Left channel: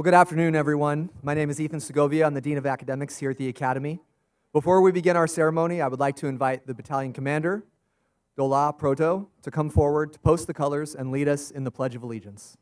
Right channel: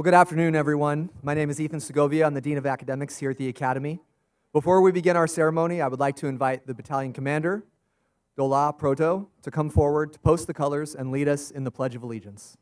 Well, good afternoon, everyone. My name is Ethan Segovia. I'm the Dean of Academics here at the Academy. Before we begin our ceremony, I would like to invite the Battalion Commander, Dola Proto, to come forward to post the colors and lead us in the Pledge of Allegiance.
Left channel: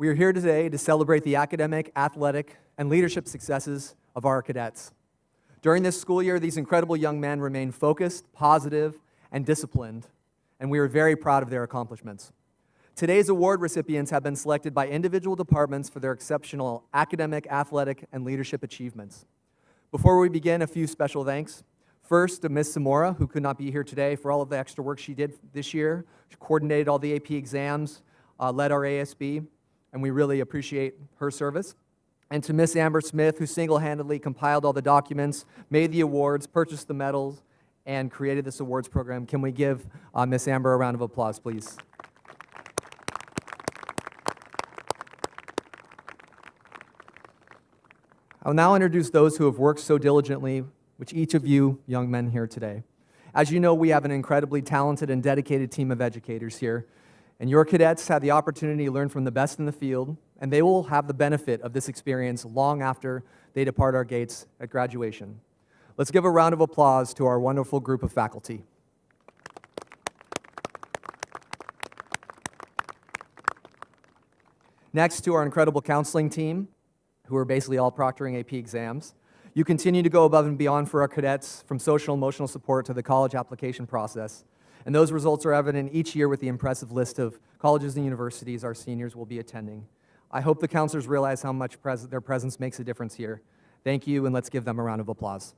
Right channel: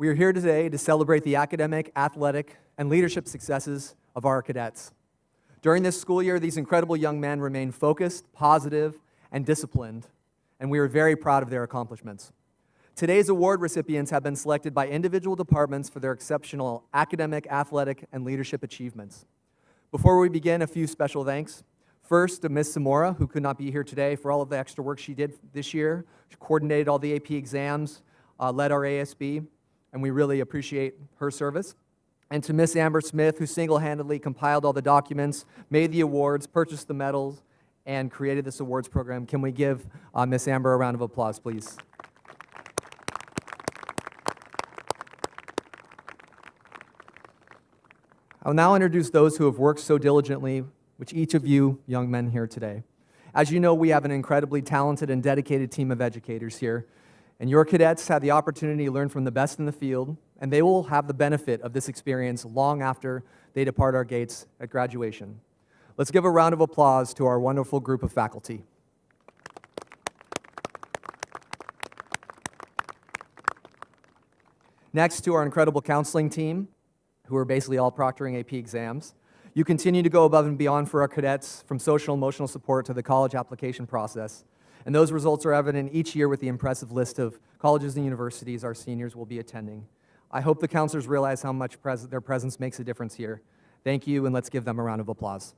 We are here today to celebrate the academic, athletic, and leadership successes of our cadets. During this school year, these incredible young men remain focused, positive, and disciplined, and we are very proud of their accomplishments. Today's award recipients have been selected by individual departments for their exceptional academic, athletic, and leadership achievements. Before we begin, a few special thanks. First, to Ms. Zamora, who could not be here today for all of the extra work she did this year. She coordinated all the AP exams, led our ASB, and we really appreciate her service. And to Ms. Amber Smith, who single-handedly compiled all the documents, made the awards, purchased the medals, and created this awards program. Can we give Ms. Amber a round of applause, please? I'll now introduce those who have worked so diligently, which each of you young men here today. As you know, we have an incredibly talented and dedicated team of educators here. And your cadets had the opportunity to learn from the best in the field, and they will have the benefit of this experience long after they depart our gates at graduation. Let's give a round of applause to our wonderful group of faculty. Next, to our incredible counseling team, who are basically all proctoring AP exams. You continue to go above and beyond for our cadets, from social and emotional support to the college application process. And those results are evident each year with the impressive list of colleges and universities our seniors will be attending. I hope the counselors realize how much their presence makes a difference here. Thank you, and let's give them a round of applause.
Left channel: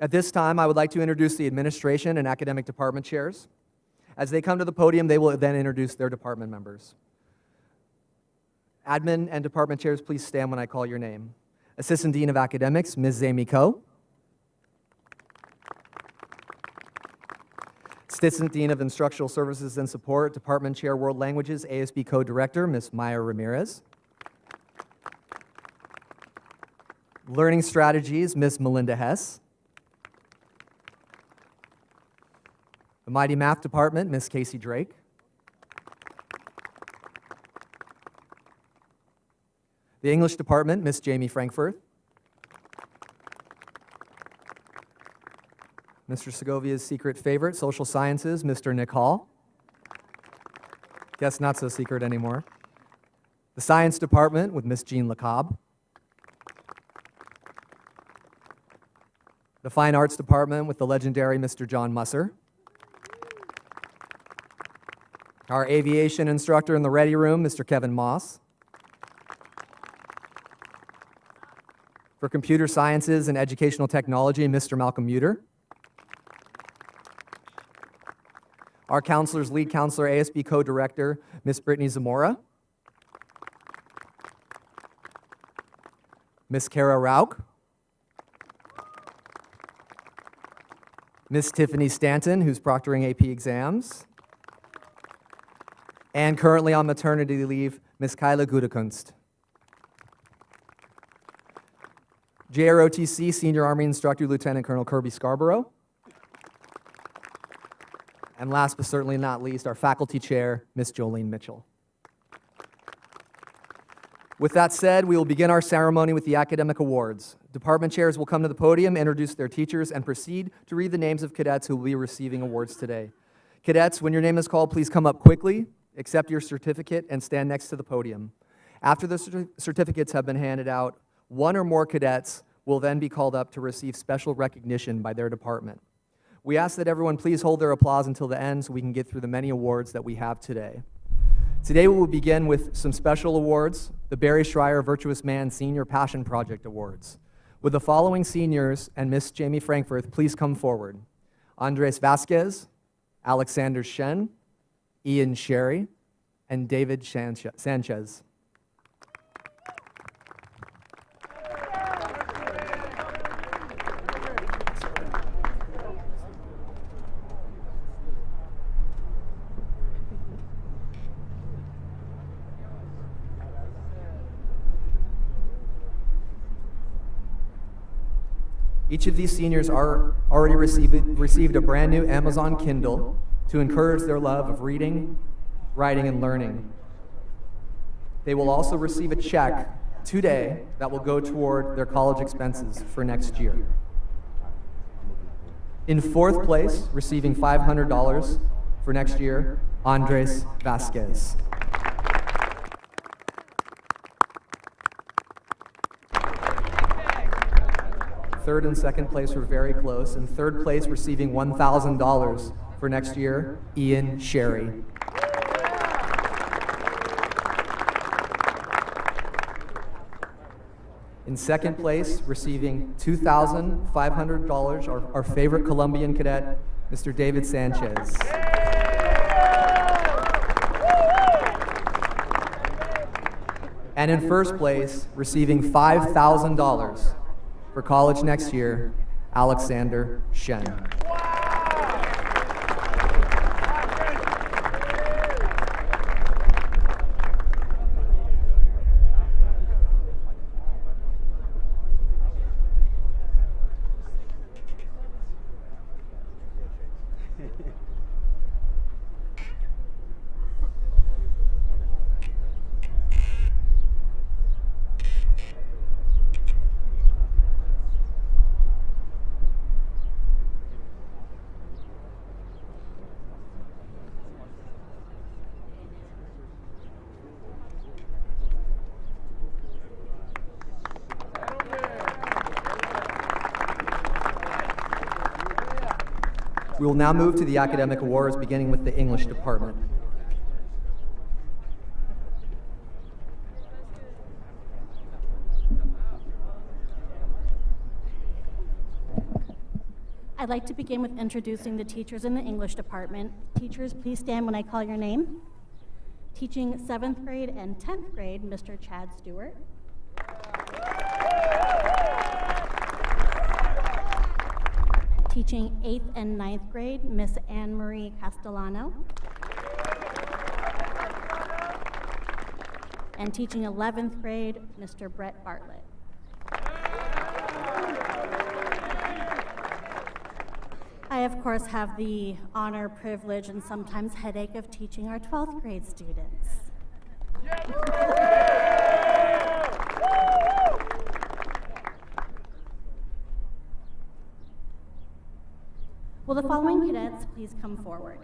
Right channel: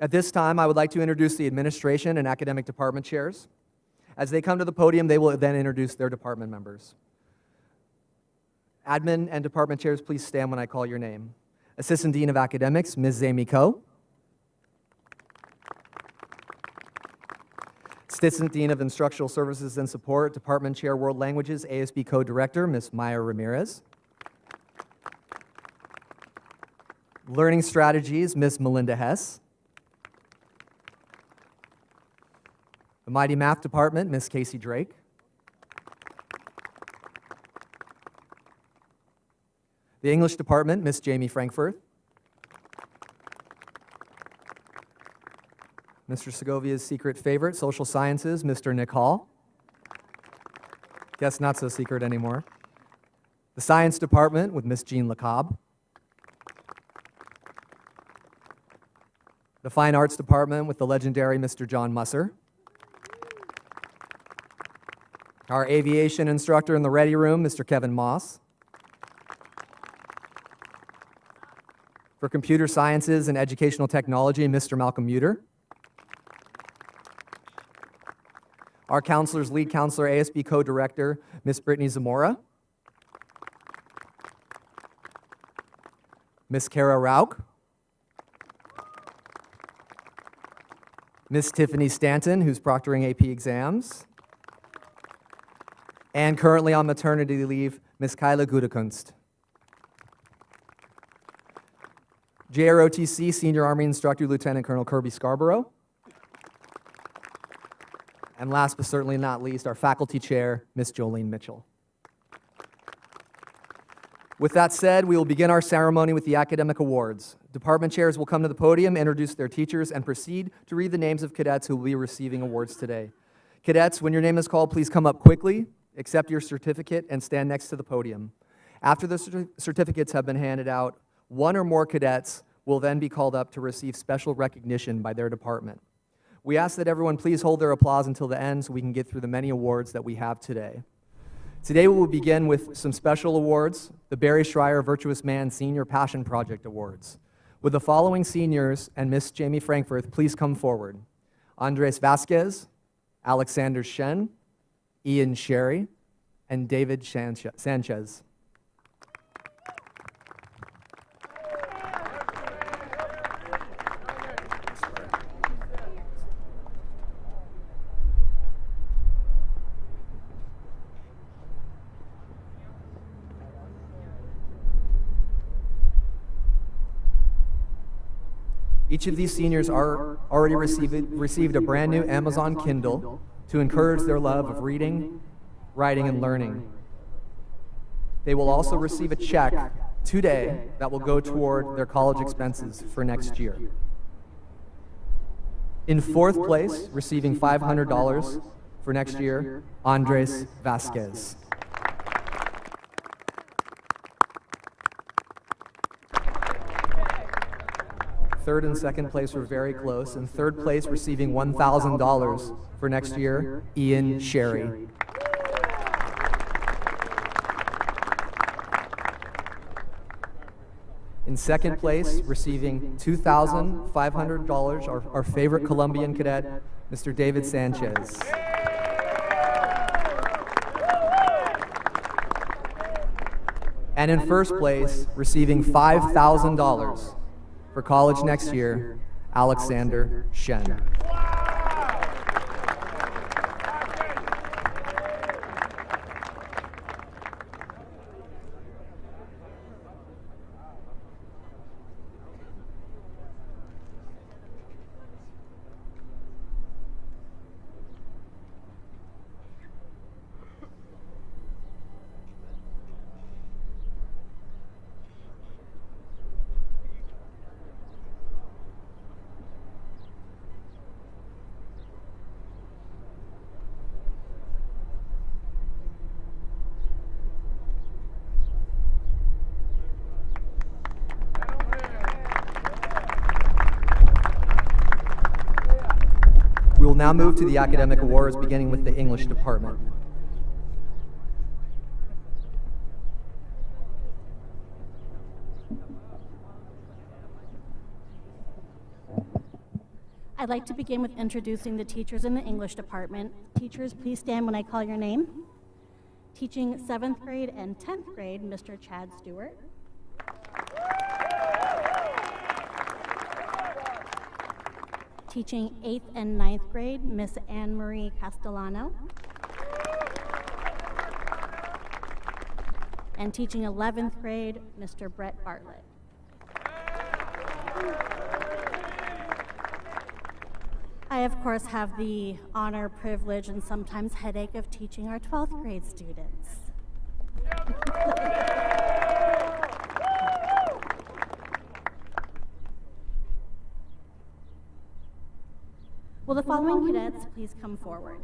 At this time, I would like to introduce the administration and academic department chairs. As they come to the podium, they will then introduce their department members. Admin and department chairs, please stand when I call your name. Assistant Dean of Academics, Ms. Zami Ko. Assistant Dean of Instructional Services and Support, Department Chair World Languages, ASB Co-Director, Ms. Maya Ramirez. Learning Strategies, Ms. Melinda Hess. The Mighty Math Department, Ms. Casey Drake. The English Department, Ms. Jamie Frankfurth. Mr. Segovia's secret favorite, social sciences, Mr. Nick Hall. Guess not so secret anymore. The science department with Miss Jean LeCobb. The fine arts department with the legendary Mr. John Musser. Our aviation instructor in the ready room, Mr. Kevin Moss. For computer sciences and educational technology, Mr. Malcolm Muter. Our counselor's lead counselor, ASB co-director, Miss Brittany Zamora. Miss Kara Rauk. Miss Tiffany Stanton, who's proctoring AP exams. And currently on maternity leave, Miss Kyla Gudekunst. JROTC Senior Army Instructor Lieutenant Colonel Kirby Scarborough. And last but certainly not least, our faculty chair, Miss Jolene Mitchell. With that said, we will begin our ceremony with the academic awards. Department chairs will come to the podium, introduce their teachers, and proceed to read the names of cadets who will be receiving awards today. Cadets, when your name is called, please come up quickly, accept your certificate, and stand next to the podium. After the certificates have been handed out, one or more cadets will then be called up to receive special recognition by their department. We ask that everyone please hold their applause until the end so we can get through the many awards that we have today. Today we will begin with some special awards, the Barry Schreier Virtuous Man Senior Passion Project Awards. With the following seniors and Miss Jamie Frankfurth, please come forward. Andres Vasquez, Alexander Shen, Ian Sherry, and David Sanchez. Each of these seniors already received a brand new Amazon Kindle to encourage their love of reading, writing, and learning. They will also receive a check today that will go toward their college expenses for next year. In fourth place, receiving $500 for next year, Andres Vasquez. Third and second place were very close. In third place, receiving $1,000 for next year, Ian Sherry. In second place, receiving $2,500, our favorite Colombian cadet, Mr. David Sanchez. And in first place, receiving $5,000 for college next year, Alexander Shen. We will now move to the academic awards, beginning with the English department. I'd like to begin with introducing the teachers in the English department. Teachers, please stand when I call your name. Teaching 7th grade and 10th grade, Mr. Chad Stewart. Teaching 8th and 9th grade, Miss Anne Marie Castellano. And teaching 11th grade, Mr. Brett Bartlett. I, of course, have the honor, privilege, and sometimes headache of teaching our 12th grade students. Will the following cadets please come forward?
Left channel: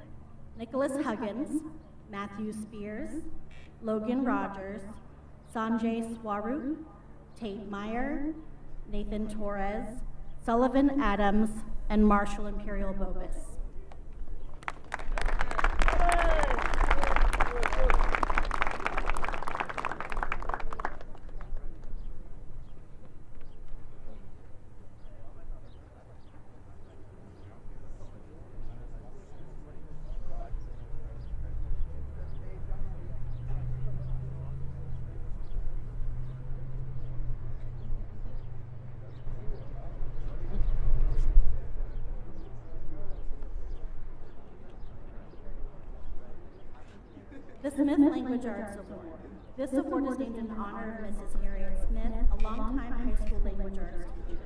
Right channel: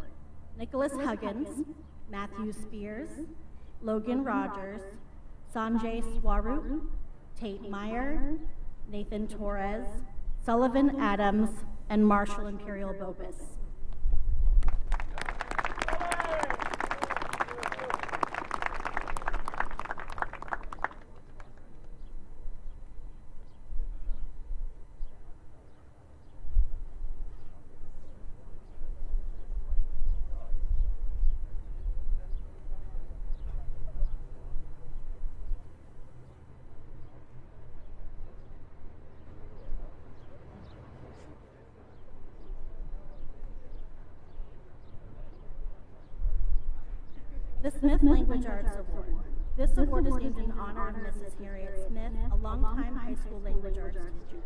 Nicholas Huggins, Matthew Spears, Logan Rogers, Sanjay Swaroop, Tate Meyer, Nathan Torres, Sullivan Adams, and Marshall Imperial Bopus. The Smith Language Arts Award. This award is named in honor of Mrs. Harriet Smith, a longtime high school language arts teacher.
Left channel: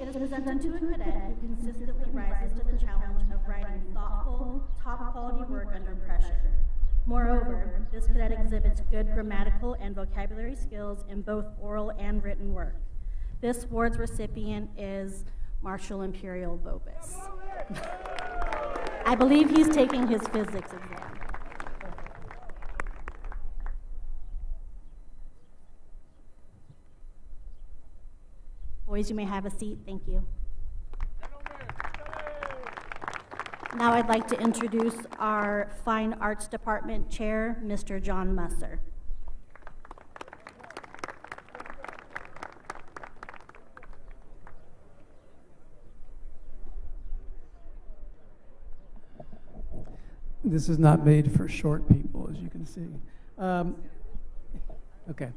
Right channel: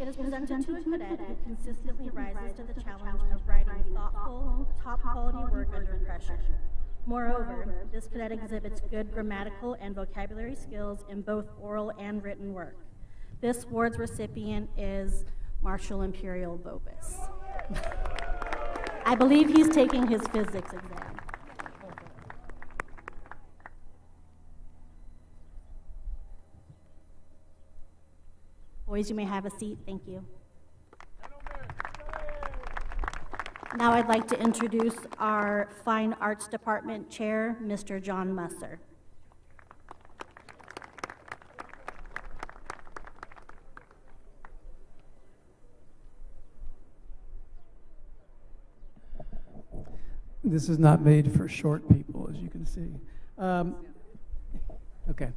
It is presented to a cadet who consistently rises to the challenge of writing thoughtful, top-quality work under pressure. Moreover, this cadet exhibits good grammatical and vocabulary skills in both oral and written work. This award's recipient is Marshall Imperial Bopus. I believe he's taking his physics exam. Boys, you may have a seat. Thank you. Now I'd like to introduce our Fine Arts Department Chair, Mr. John Musser. This is not made for short people, as you can see. Okay.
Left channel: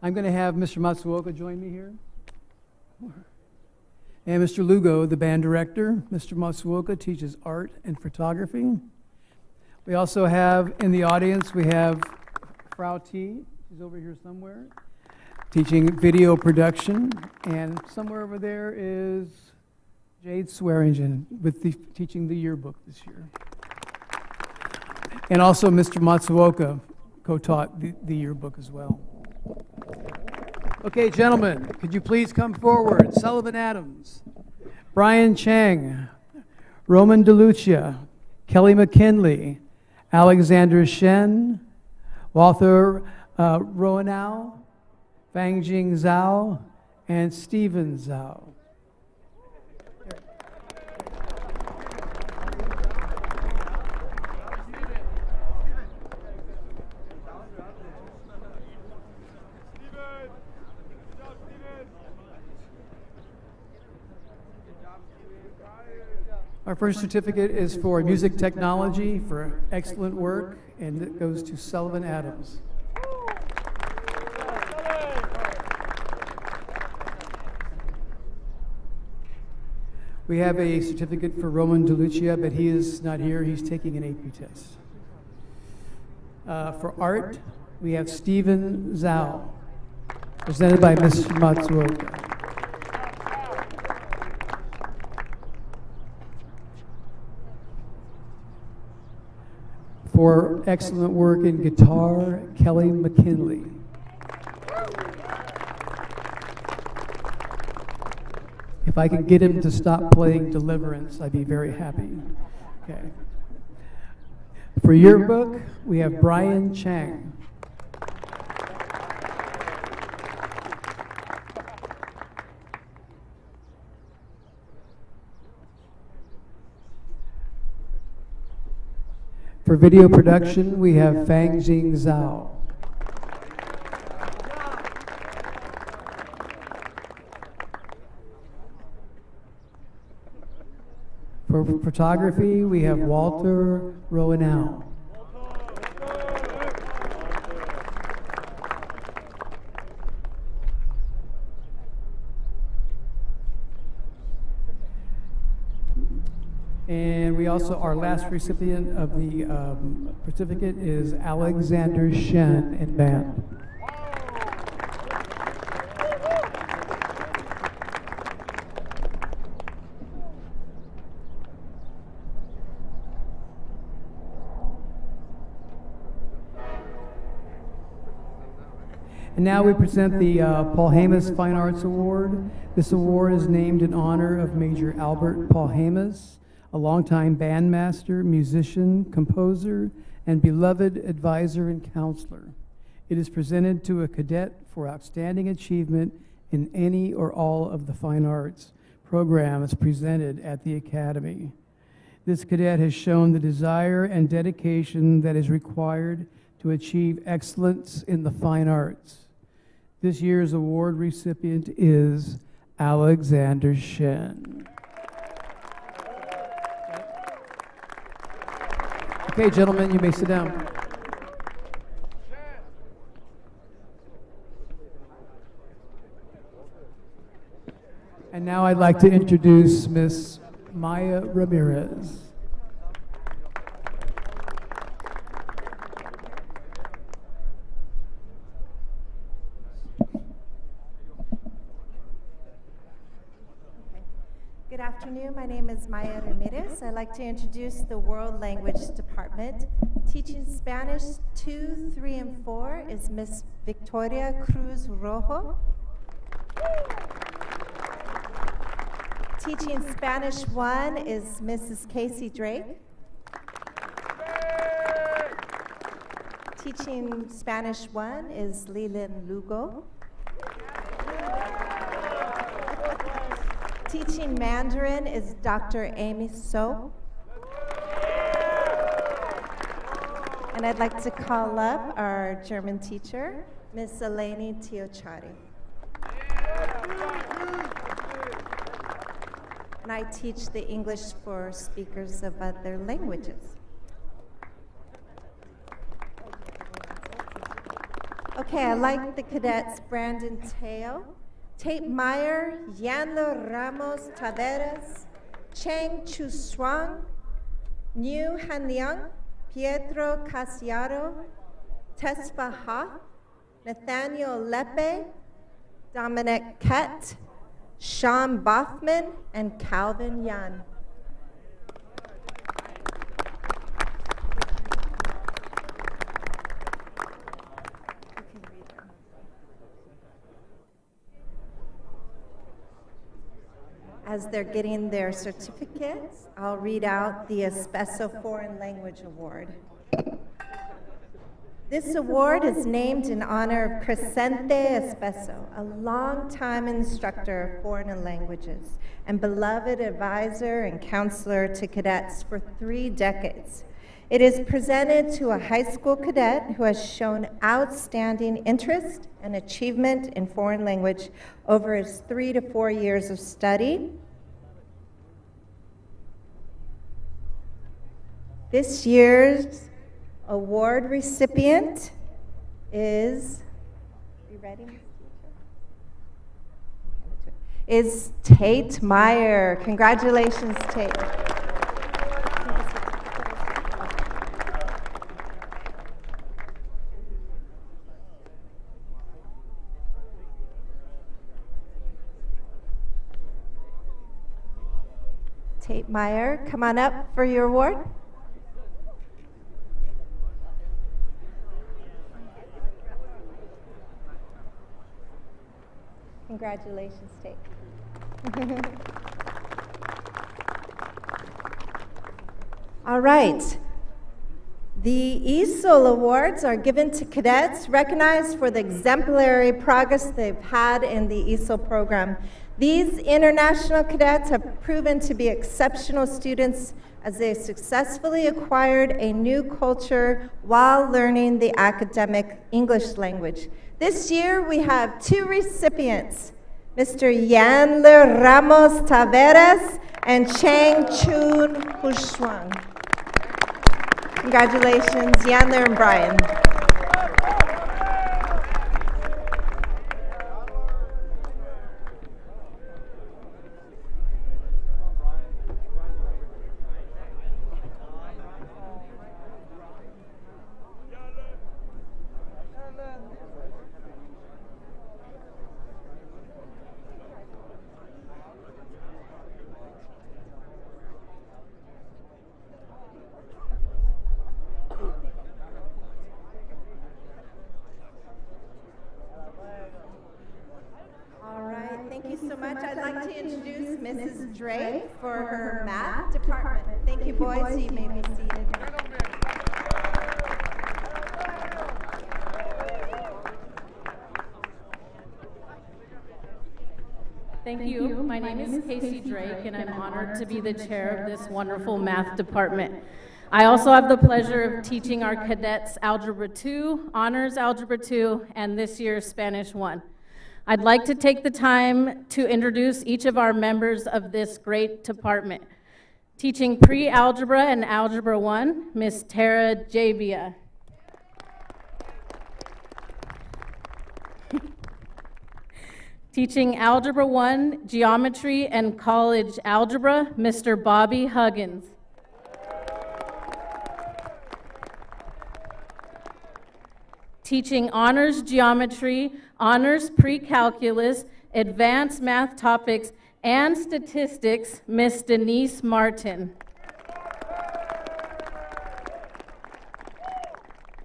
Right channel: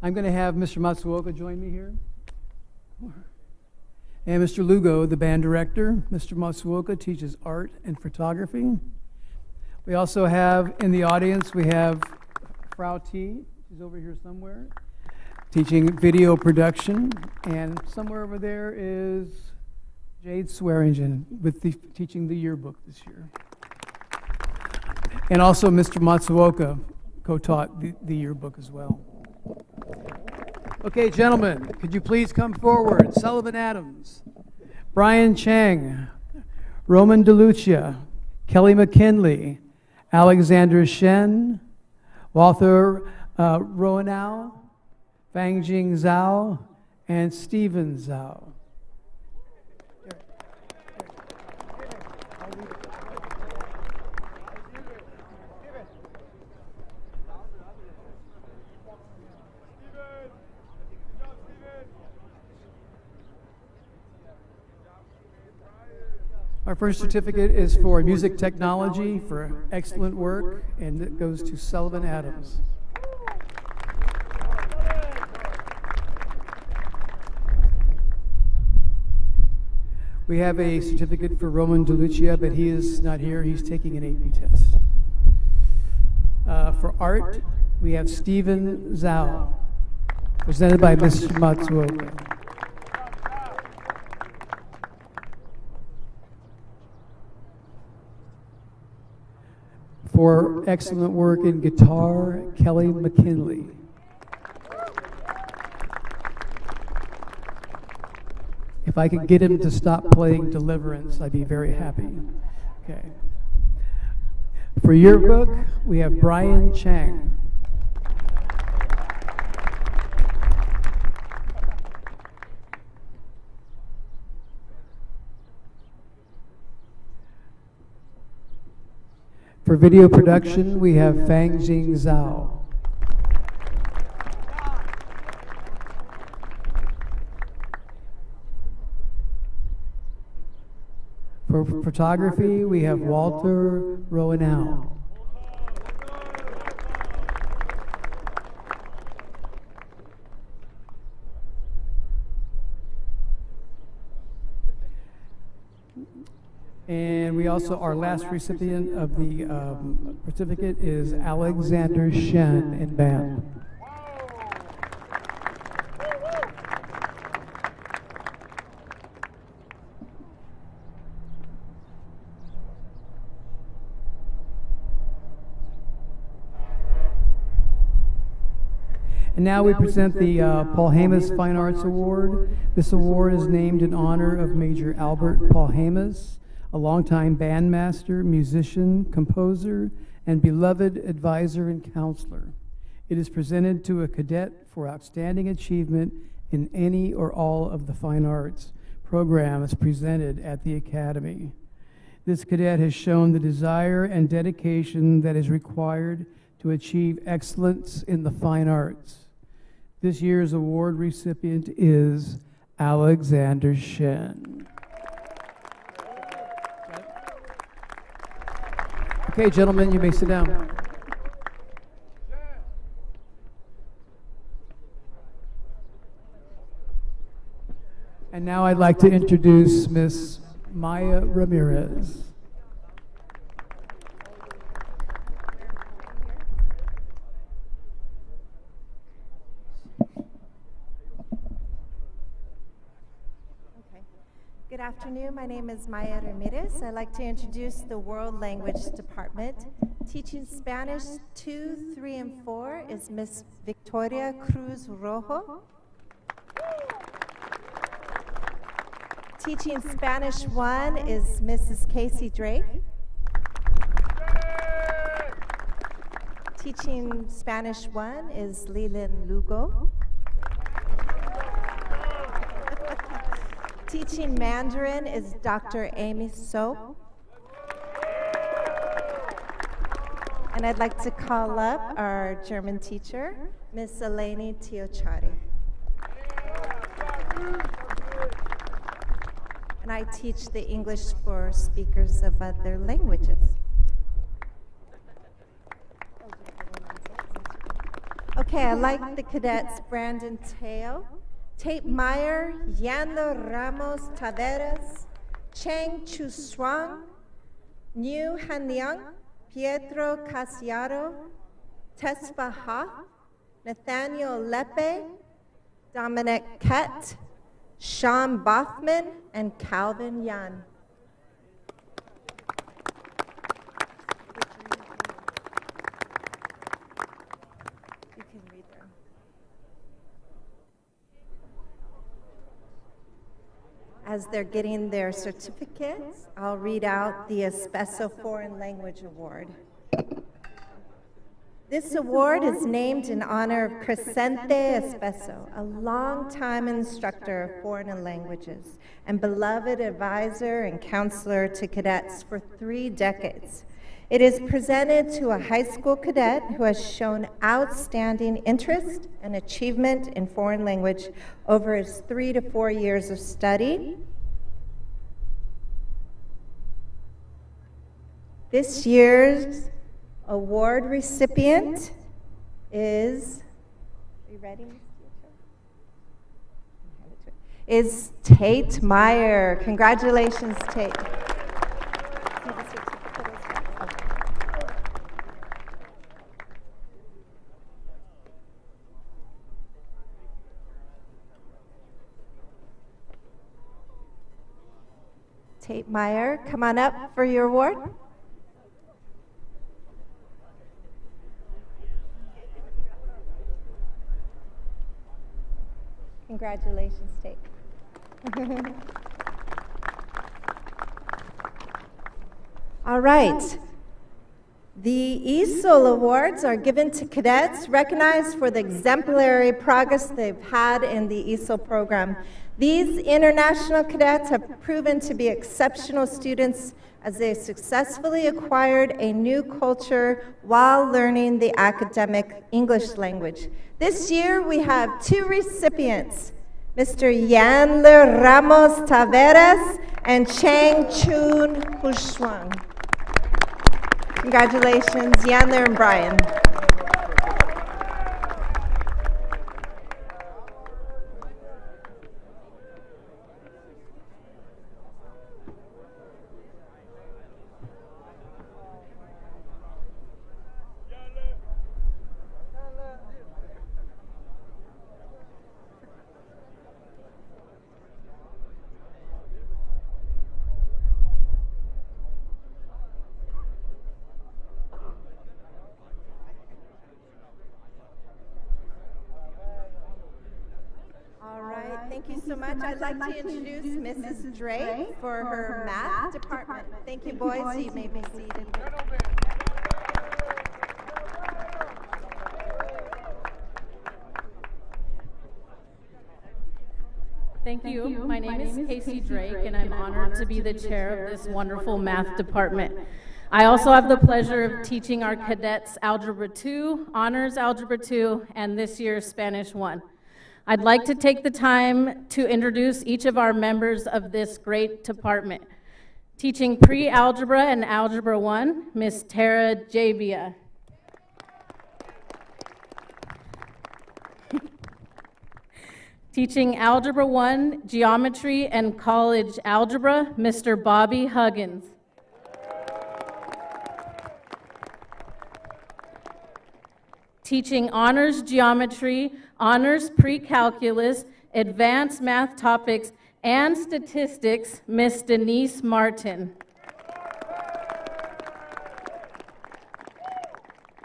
I'm going to have Mr. Matsuoka join me here. And Mr. Lugo, the band director. Mr. Matsuoka teaches art and photography. We also have in the audience, we have Frau T, she's over here somewhere, teaching video production. And somewhere over there is Jade Swearingen with teaching the yearbook this year. And also Mr. Matsuoka co-taught the yearbook as well. Okay, gentlemen, could you please come forward? Sullivan Adams, Brian Chang, Roman DeLucia, Kelly McKinley, Alexander Shen, Walter Roanow, Fangjing Zhao, and Steven Zhao. Our first certificate is for music technology for excellent work, and it goes to Sullivan Adams. We have a certificate for Roman DeLucia, but he is not here. He's taking an AP test. For art, we have Steven Zhao, presented by Mr. Matsuoka. For excellent work in guitar, Kelly McKinley. If I can get him to stop playing Deliverance, I'd be very happy. Okay. For yearbook, we have Brian Chang. For video production, we have Fangjing Zhao. For photography, we have Walter Roanow. And we also, our last recipient of the certificate is Alexander Shen in band. And now we present the Paul Hamas Fine Arts Award. This award is named in honor of Major Albert Paul Hamas, a longtime bandmaster, musician, composer, and beloved advisor and counselor. It is presented to a cadet for outstanding achievement in any or all of the fine arts programs presented at the Academy. This cadet has shown the desire and dedication that is required to achieve excellence in the fine arts. This year's award recipient is Alexander Shen. Okay, gentlemen, you may sit down. And now I'd like to introduce Miss Maya Ramirez. Good afternoon, my name is Maya Ramirez. I'd like to introduce the World Language Department. Teaching Spanish 2, 3, and 4 is Miss Victoria Cruz Rojo. Teaching Spanish 1 is Mrs. Casey Drake. Teaching Spanish 1 is Leland Lugo. Teaching Mandarin is Dr. Amy So. And I'd like to call up our German teacher, Miss Eleni Tiochari. And I teach the English for speakers of other languages. Okay, I like the cadets Brandon Teo, Tate Meyer, Yanlo Ramos Taveras, Cheng Chu Shuang, Niu Han Liang, Pietro Casiaro, Tesfa Ha, Nathaniel Lepe, Dominic Kett, Sean Bothman, and Calvin Yan. You can read them. As they're getting their certificates, I'll read out the Espeso Foreign Language Award. This award is named in honor of Crescente Espeso, a longtime instructor of foreign languages and beloved advisor and counselor to cadets for 3 decades. It is presented to a high school cadet who has shown outstanding interest and achievement in foreign language over his 3 to 4 years of study. This year's award recipient is, are you ready, Ms. Teacher? Is Tate Meyer. Congratulations, Tate. Tate Meyer, come on up for your award. Congratulations, Tate. All right. The ESOL Awards are given to cadets recognized for the exemplary progress they've had in the ESOL program. These international cadets have proven to be exceptional students as they successfully acquired a new culture while learning the academic English language. This year, we have 2 recipients, Mr. Yanler Ramos Taveras and Cheng Chun Hushuang. Congratulations, Yanler and Brian. Thank you so much. I'd like to introduce Mrs. Drake for her math department. Thank you, boys. You may be seated. Thank you. My name is Casey Drake, and I'm honored to be the chair of this wonderful math department. I also have the pleasure of teaching our cadets Algebra 2, Honors Algebra 2, and this year's Spanish 1. I'd like to take the time to introduce each of our members of this great department. Teaching pre-algebra and Algebra 1, Miss Tara Javia. Teaching Algebra 1, Geometry, and College Algebra, Mr. Bobby Huggins. Teaching Honors Geometry, Honors Pre-Calculus, Advanced Math Topics, and Statistics, Miss Denise Martin.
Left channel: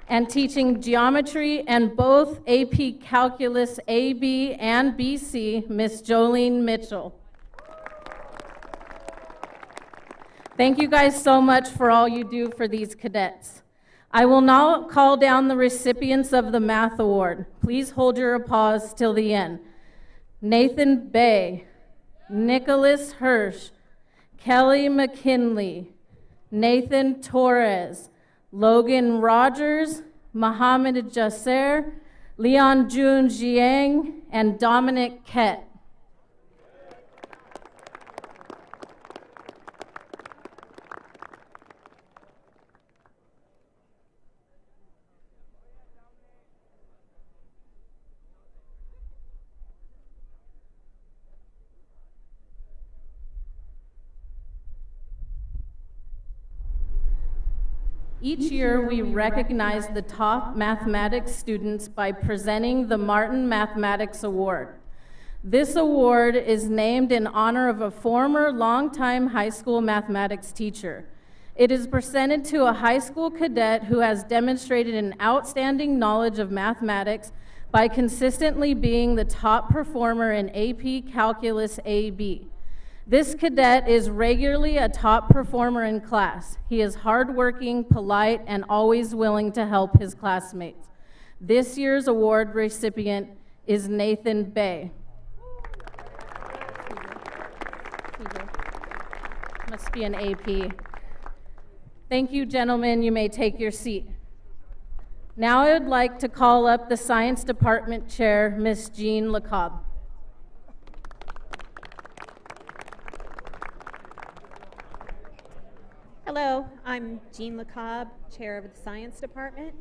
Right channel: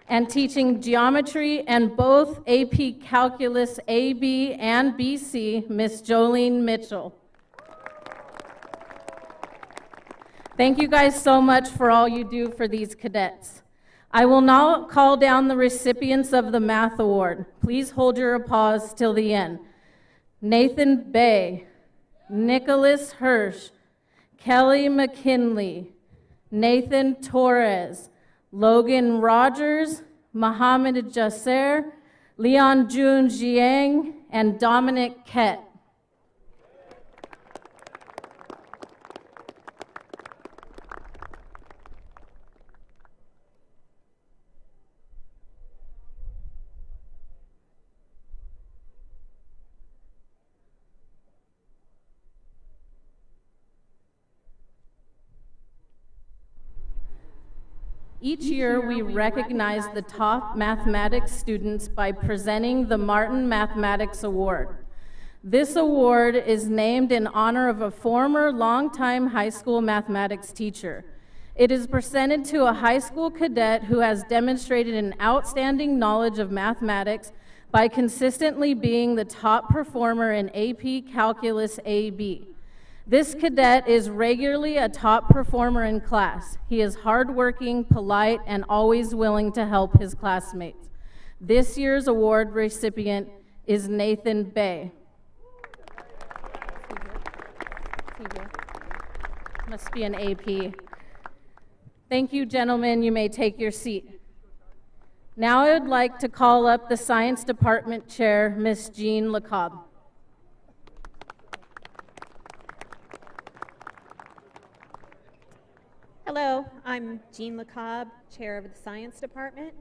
And teaching Geometry and both AP Calculus AB and BC, Miss Jolene Mitchell. Thank you guys so much for all you do for these cadets. I will now call down the recipients of the Math Award. Please hold your applause till the end. Nathan Bay, Nicholas Hirsch, Kelly McKinley, Nathan Torres, Logan Rogers, Mohammed Jasser, Leon Jun Jiang, and Dominic Kett. Each year, we recognize the top mathematics students by presenting the Martin Mathematics Award. This award is named in honor of a former longtime high school mathematics teacher. It is presented to a high school cadet who has demonstrated an outstanding knowledge of mathematics by consistently being the top performer in AP Calculus AB. This cadet is regularly a top performer in class. He is hardworking, polite, and always willing to help his classmates. This year's award recipient is Nathan Bay. Must be an AP. Thank you, gentlemen. You may take your seat. Now I would like to call up the Science Department Chair, Miss Jean LeCobb. Hello, I'm Jean LeCobb, Chair of the Science Department.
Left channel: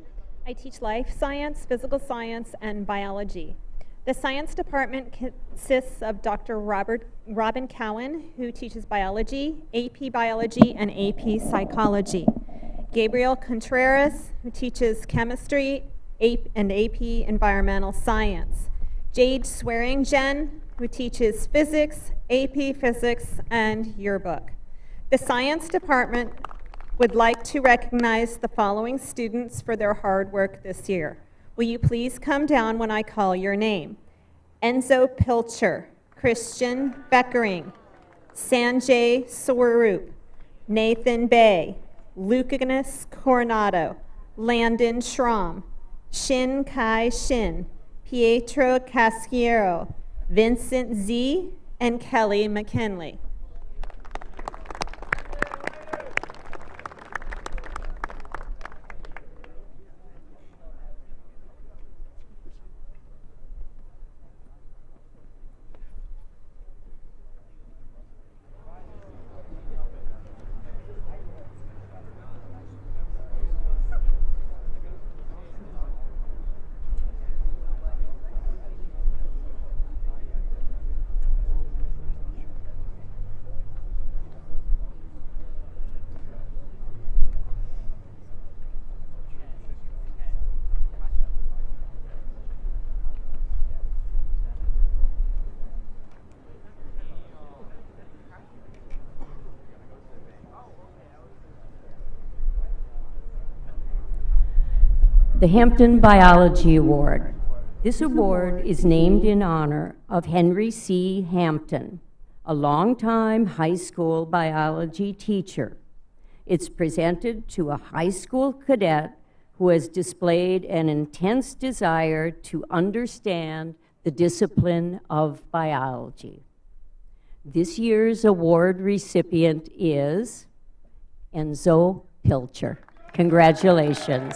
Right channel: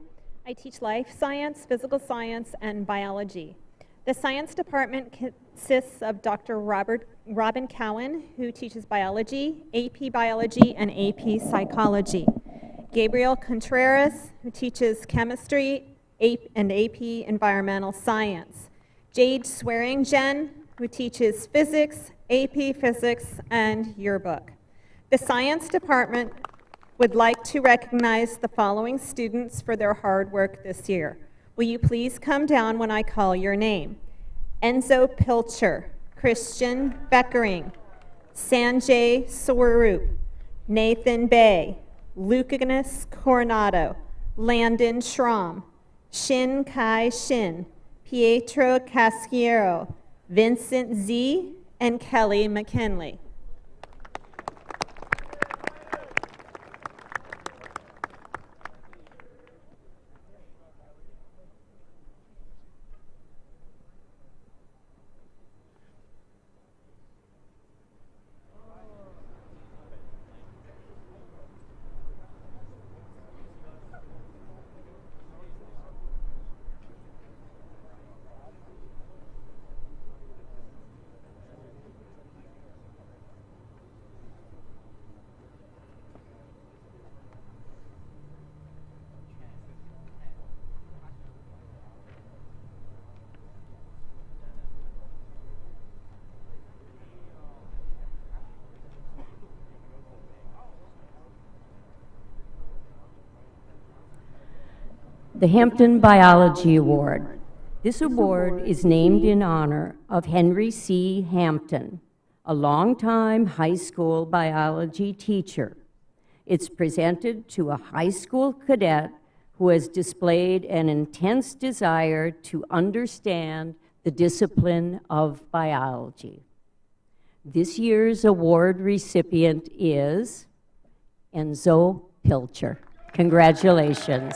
I teach life science, physical science, and biology. The Science Department consists of Dr. Robin Cowan, who teaches biology, AP Biology, and AP Psychology. Gabriel Contreras, who teaches chemistry and AP Environmental Science. Jade Swearingen, who teaches physics, AP Physics, and yearbook. The Science Department would like to recognize the following students for their hard work this year. Will you please come down when I call your name? Enzo Pilcher, Christian Beckering, Sanjay Swaroop, Nathan Bay, Lucanus Coronado, Landon Schramm, Shin Kai Shin, Pietro Casciero, Vincent Z, and Kelly McKinley. The Hampton Biology Award. This award is named in honor of Henry C. Hampton, a longtime high school biology teacher. It's presented to a high school cadet who has displayed an intense desire to understand the discipline of biology. This year's award recipient is Enzo Pilcher. Congratulations.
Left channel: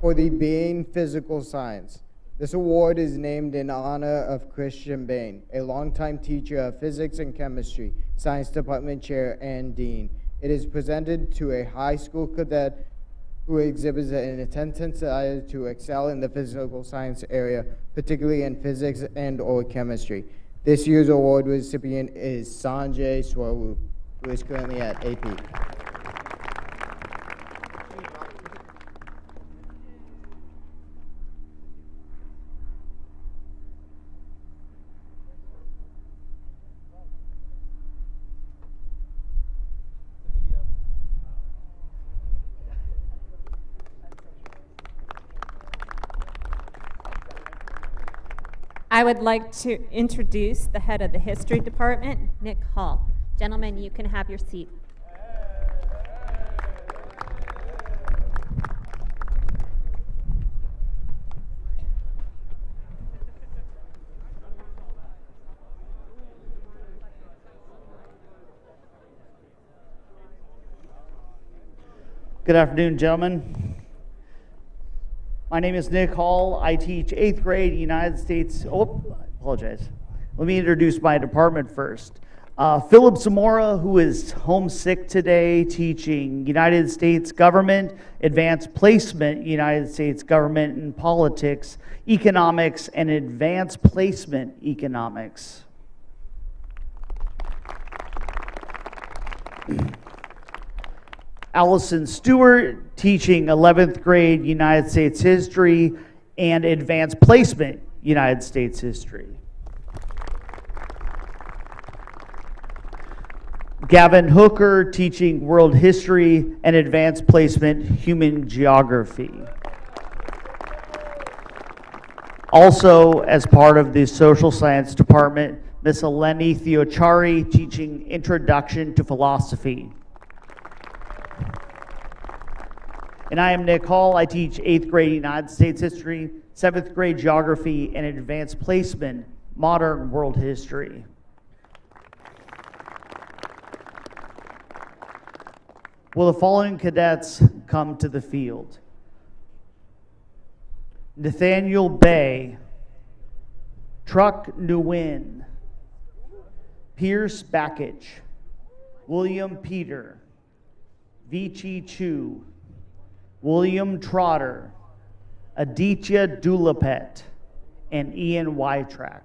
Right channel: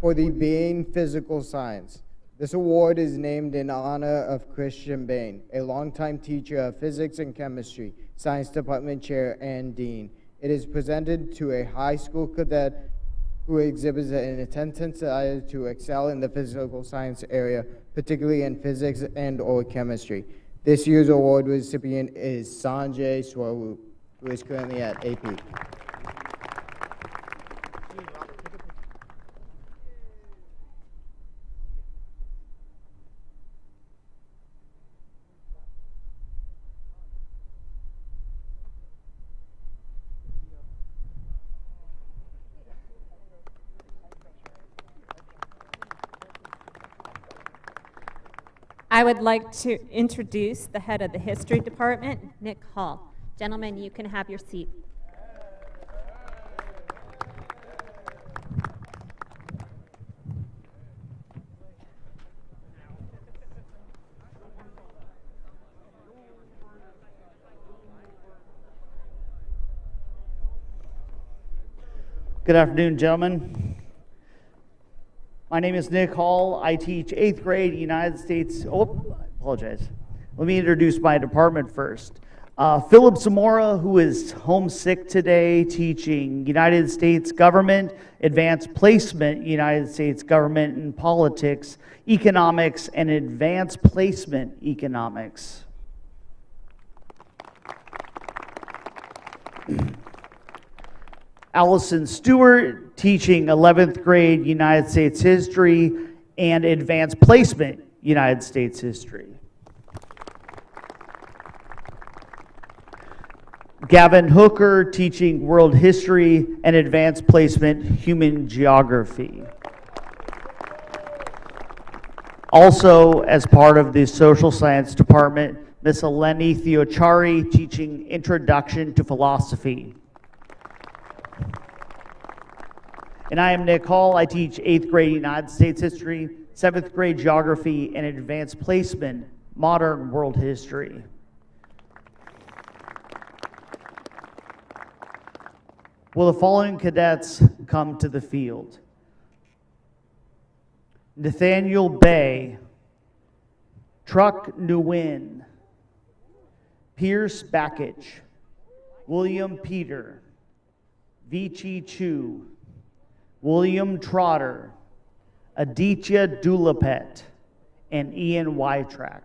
For the Bain Physical Science. This award is named in honor of Christian Bain, a longtime teacher of physics and chemistry, science department chair, and dean. It is presented to a high school cadet who exhibits an intense desire to excel in the physical science area, particularly in physics and/or chemistry. This year's award recipient is Sanjay Swaroop, who is currently at AP. I would like to introduce the head of the history department, Nick Hall. Gentlemen, you can have your seat. Good afternoon, gentlemen. My name is Nick Hall. I teach 8th grade United States. Oh, I apologize. Let me introduce my department first. Philip Zamora, who is homesick today, teaching United States Government, Advanced Placement, United States Government and Politics, Economics, and Advanced Placement Economics. Allison Stewart, teaching 11th grade United States History and Advanced Placement United States History. Gavin Hooker, teaching World History and Advanced Placement Human Geography. Also, as part of the Social Science Department, Miss Eleni Theochari, teaching Introduction to Philosophy. And I am Nick Hall. I teach 8th grade United States History, 7th grade Geography, and Advanced Placement Modern World History. Will the following cadets come to the field? Nathaniel Bay, Truck Nguyen, Pierce Bakich, William Peter, Vici Chu, William Trotter, Aditya Dulapet, and Ian Wytrack.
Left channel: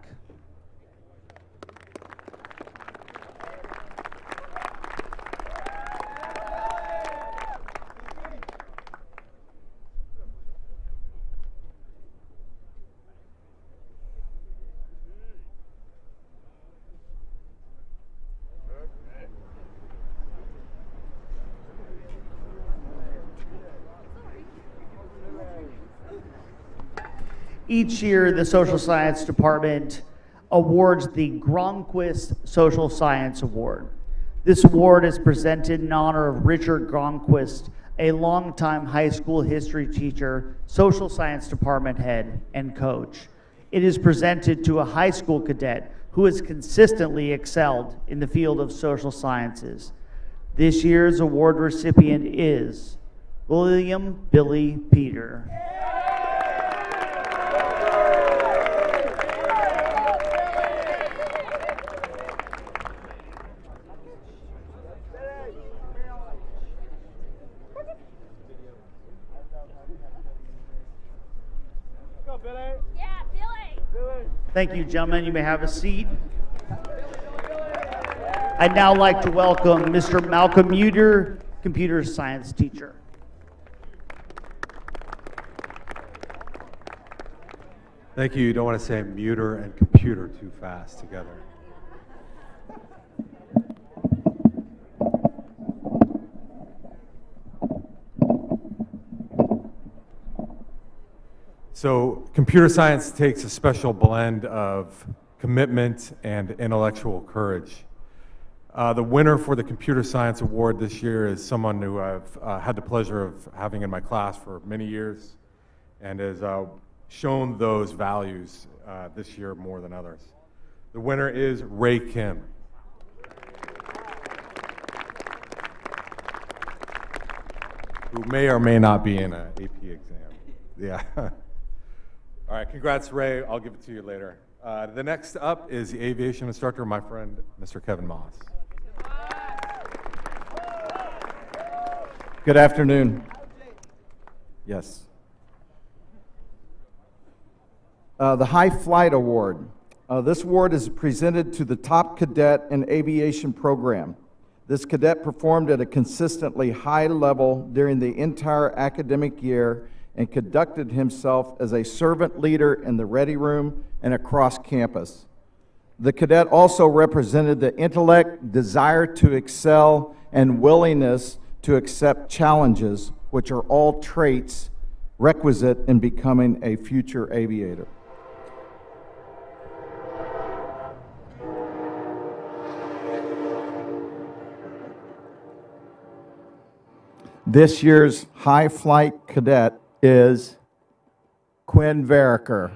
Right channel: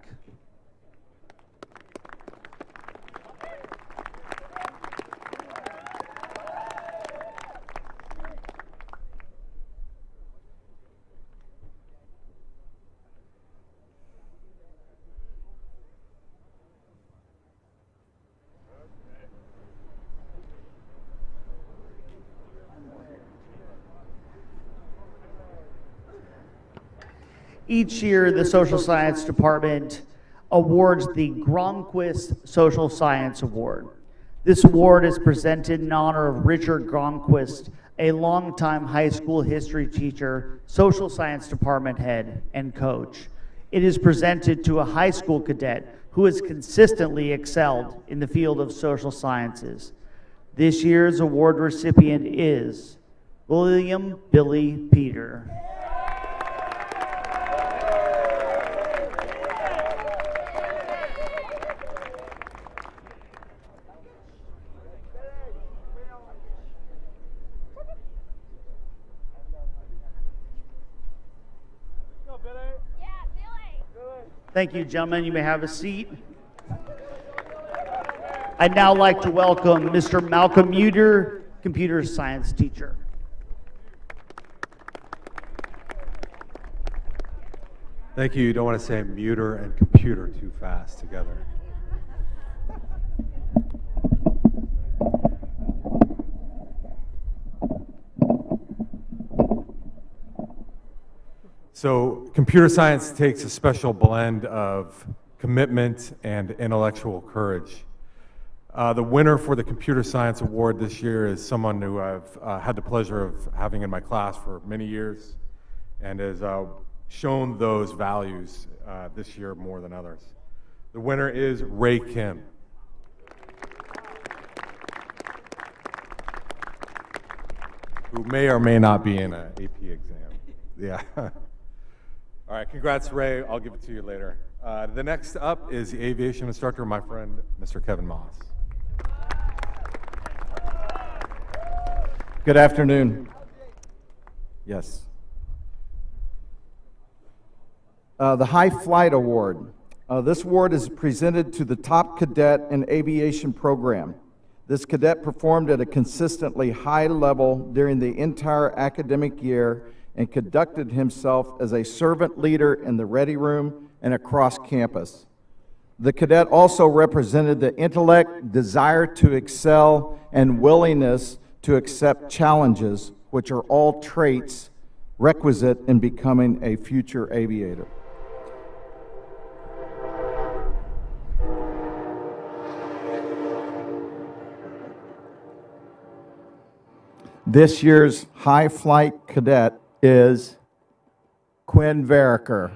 Each year, the Social Science Department awards the Gronquist Social Science Award. This award is presented in honor of Richard Gronquist, a longtime high school history teacher, Social Science Department head, and coach. It is presented to a high school cadet who has consistently excelled in the field of social sciences. This year's award recipient is William Billy Peter. Go, Billy. Thank you, gentlemen. You may have a seat. I'd now like to welcome Mr. Malcolm Muter, computer science teacher. Thank you. You don't want to say muter and computer too fast together. So computer science takes a special blend of commitment and intellectual courage. The winner for the Computer Science Award this year is someone who I've had the pleasure of having in my class for many years and has shown those values this year more than others. The winner is Ray Kim. Who may or may not be in an AP exam. Yeah. All right, congrats, Ray. I'll give it to you later. The next up is the aviation instructor, my friend, Mr. Kevin Moss. Good afternoon. Yes. The High Flight Award. This award is presented to the top cadet in aviation program. This cadet performed at a consistently high level during the entire academic year and conducted himself as a servant leader in the ready room and across campus. The cadet also represented the intellect, desire to excel, and willingness to accept challenges, which are all traits requisite in becoming a future aviator. This year's high flight cadet is Quinn Veriker.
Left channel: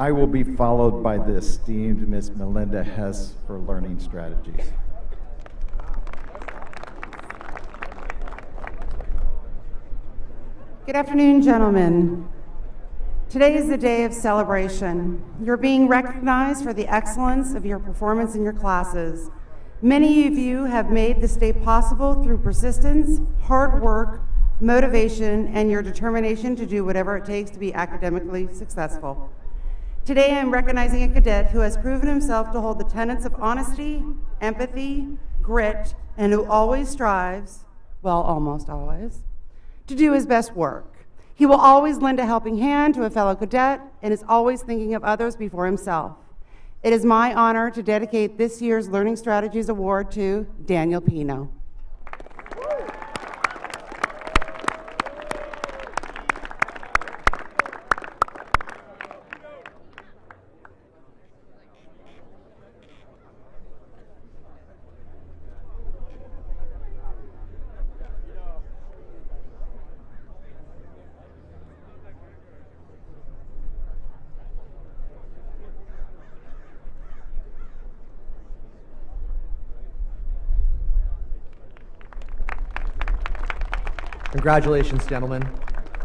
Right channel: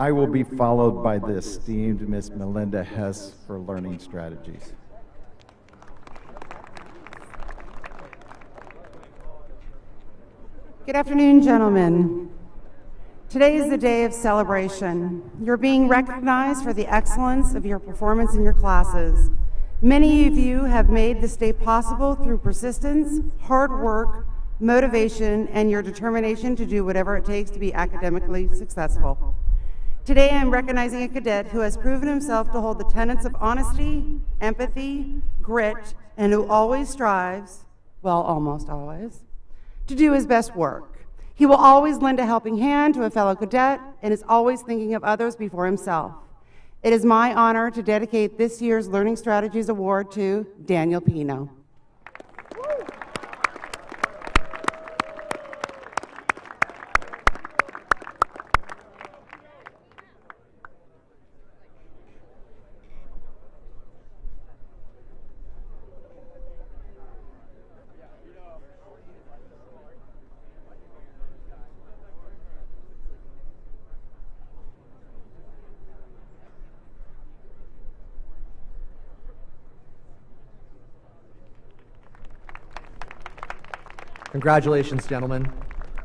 I will be followed by the esteemed Ms. Melinda Hess for learning strategies. Good afternoon, gentlemen. Today is the day of celebration. You're being recognized for the excellence of your performance in your classes. Many of you have made this day possible through persistence, hard work, motivation, and your determination to do whatever it takes to be academically successful. Today, I'm recognizing a cadet who has proven himself to hold the tenets of honesty, empathy, grit, and who always strives, well, almost always, to do his best work. He will always lend a helping hand to a fellow cadet and is always thinking of others before himself. It is my honor to dedicate this year's Learning Strategies Award to Daniel Pino. Congratulations, gentlemen.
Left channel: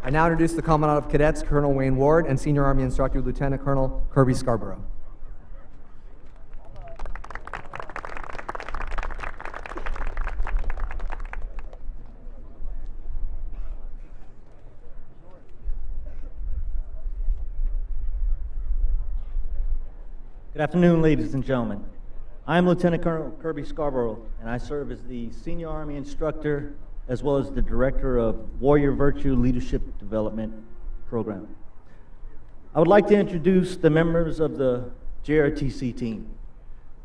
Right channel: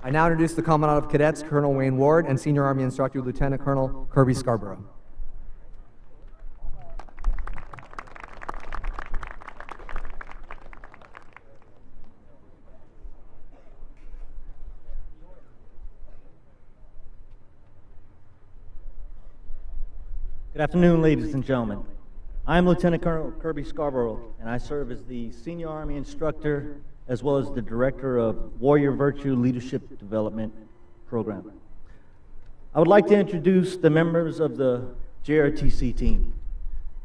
I now introduce the Commandant of Cadets, Colonel Wayne Ward, and Senior Army Instructor, Lieutenant Colonel Kirby Scarborough. Good afternoon, ladies and gentlemen. I'm Lieutenant Colonel Kirby Scarborough, and I serve as the Senior Army Instructor as well as the Director of Warrior Virtue Leadership Development Program. I would like to introduce the members of the JROTC team.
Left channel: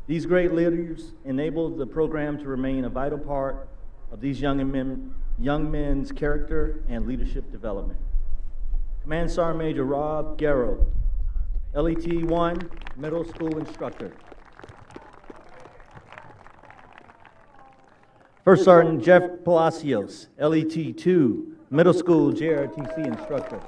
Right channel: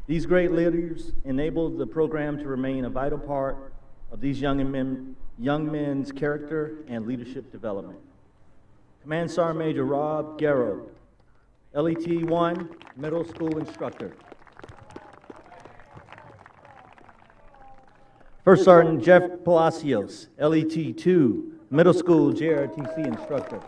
These great leaders enabled the program to remain a vital part of these young men's character and leadership development. Command Sergeant Major Rob Garrow, LET 1 Middle School Instructor. First Sergeant Jeff Palacios, LET 2, middle school JROTC instructor.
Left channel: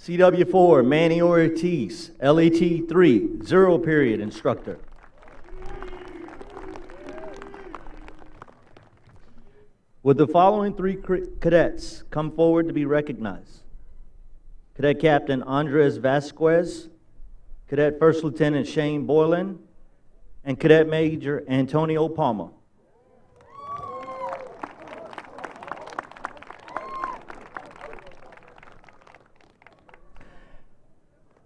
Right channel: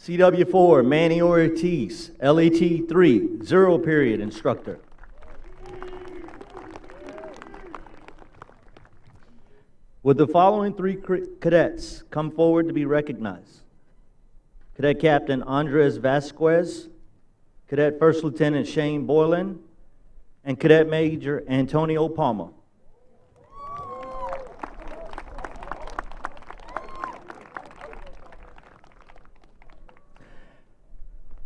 CW4, Manny Ortiz, LET 3, 0 period instructor. Would the following 3 cadets come forward to be recognized? Cadet Captain Andres Vasquez, Cadet First Lieutenant Shane Boylan, and Cadet Major Antonio Palma.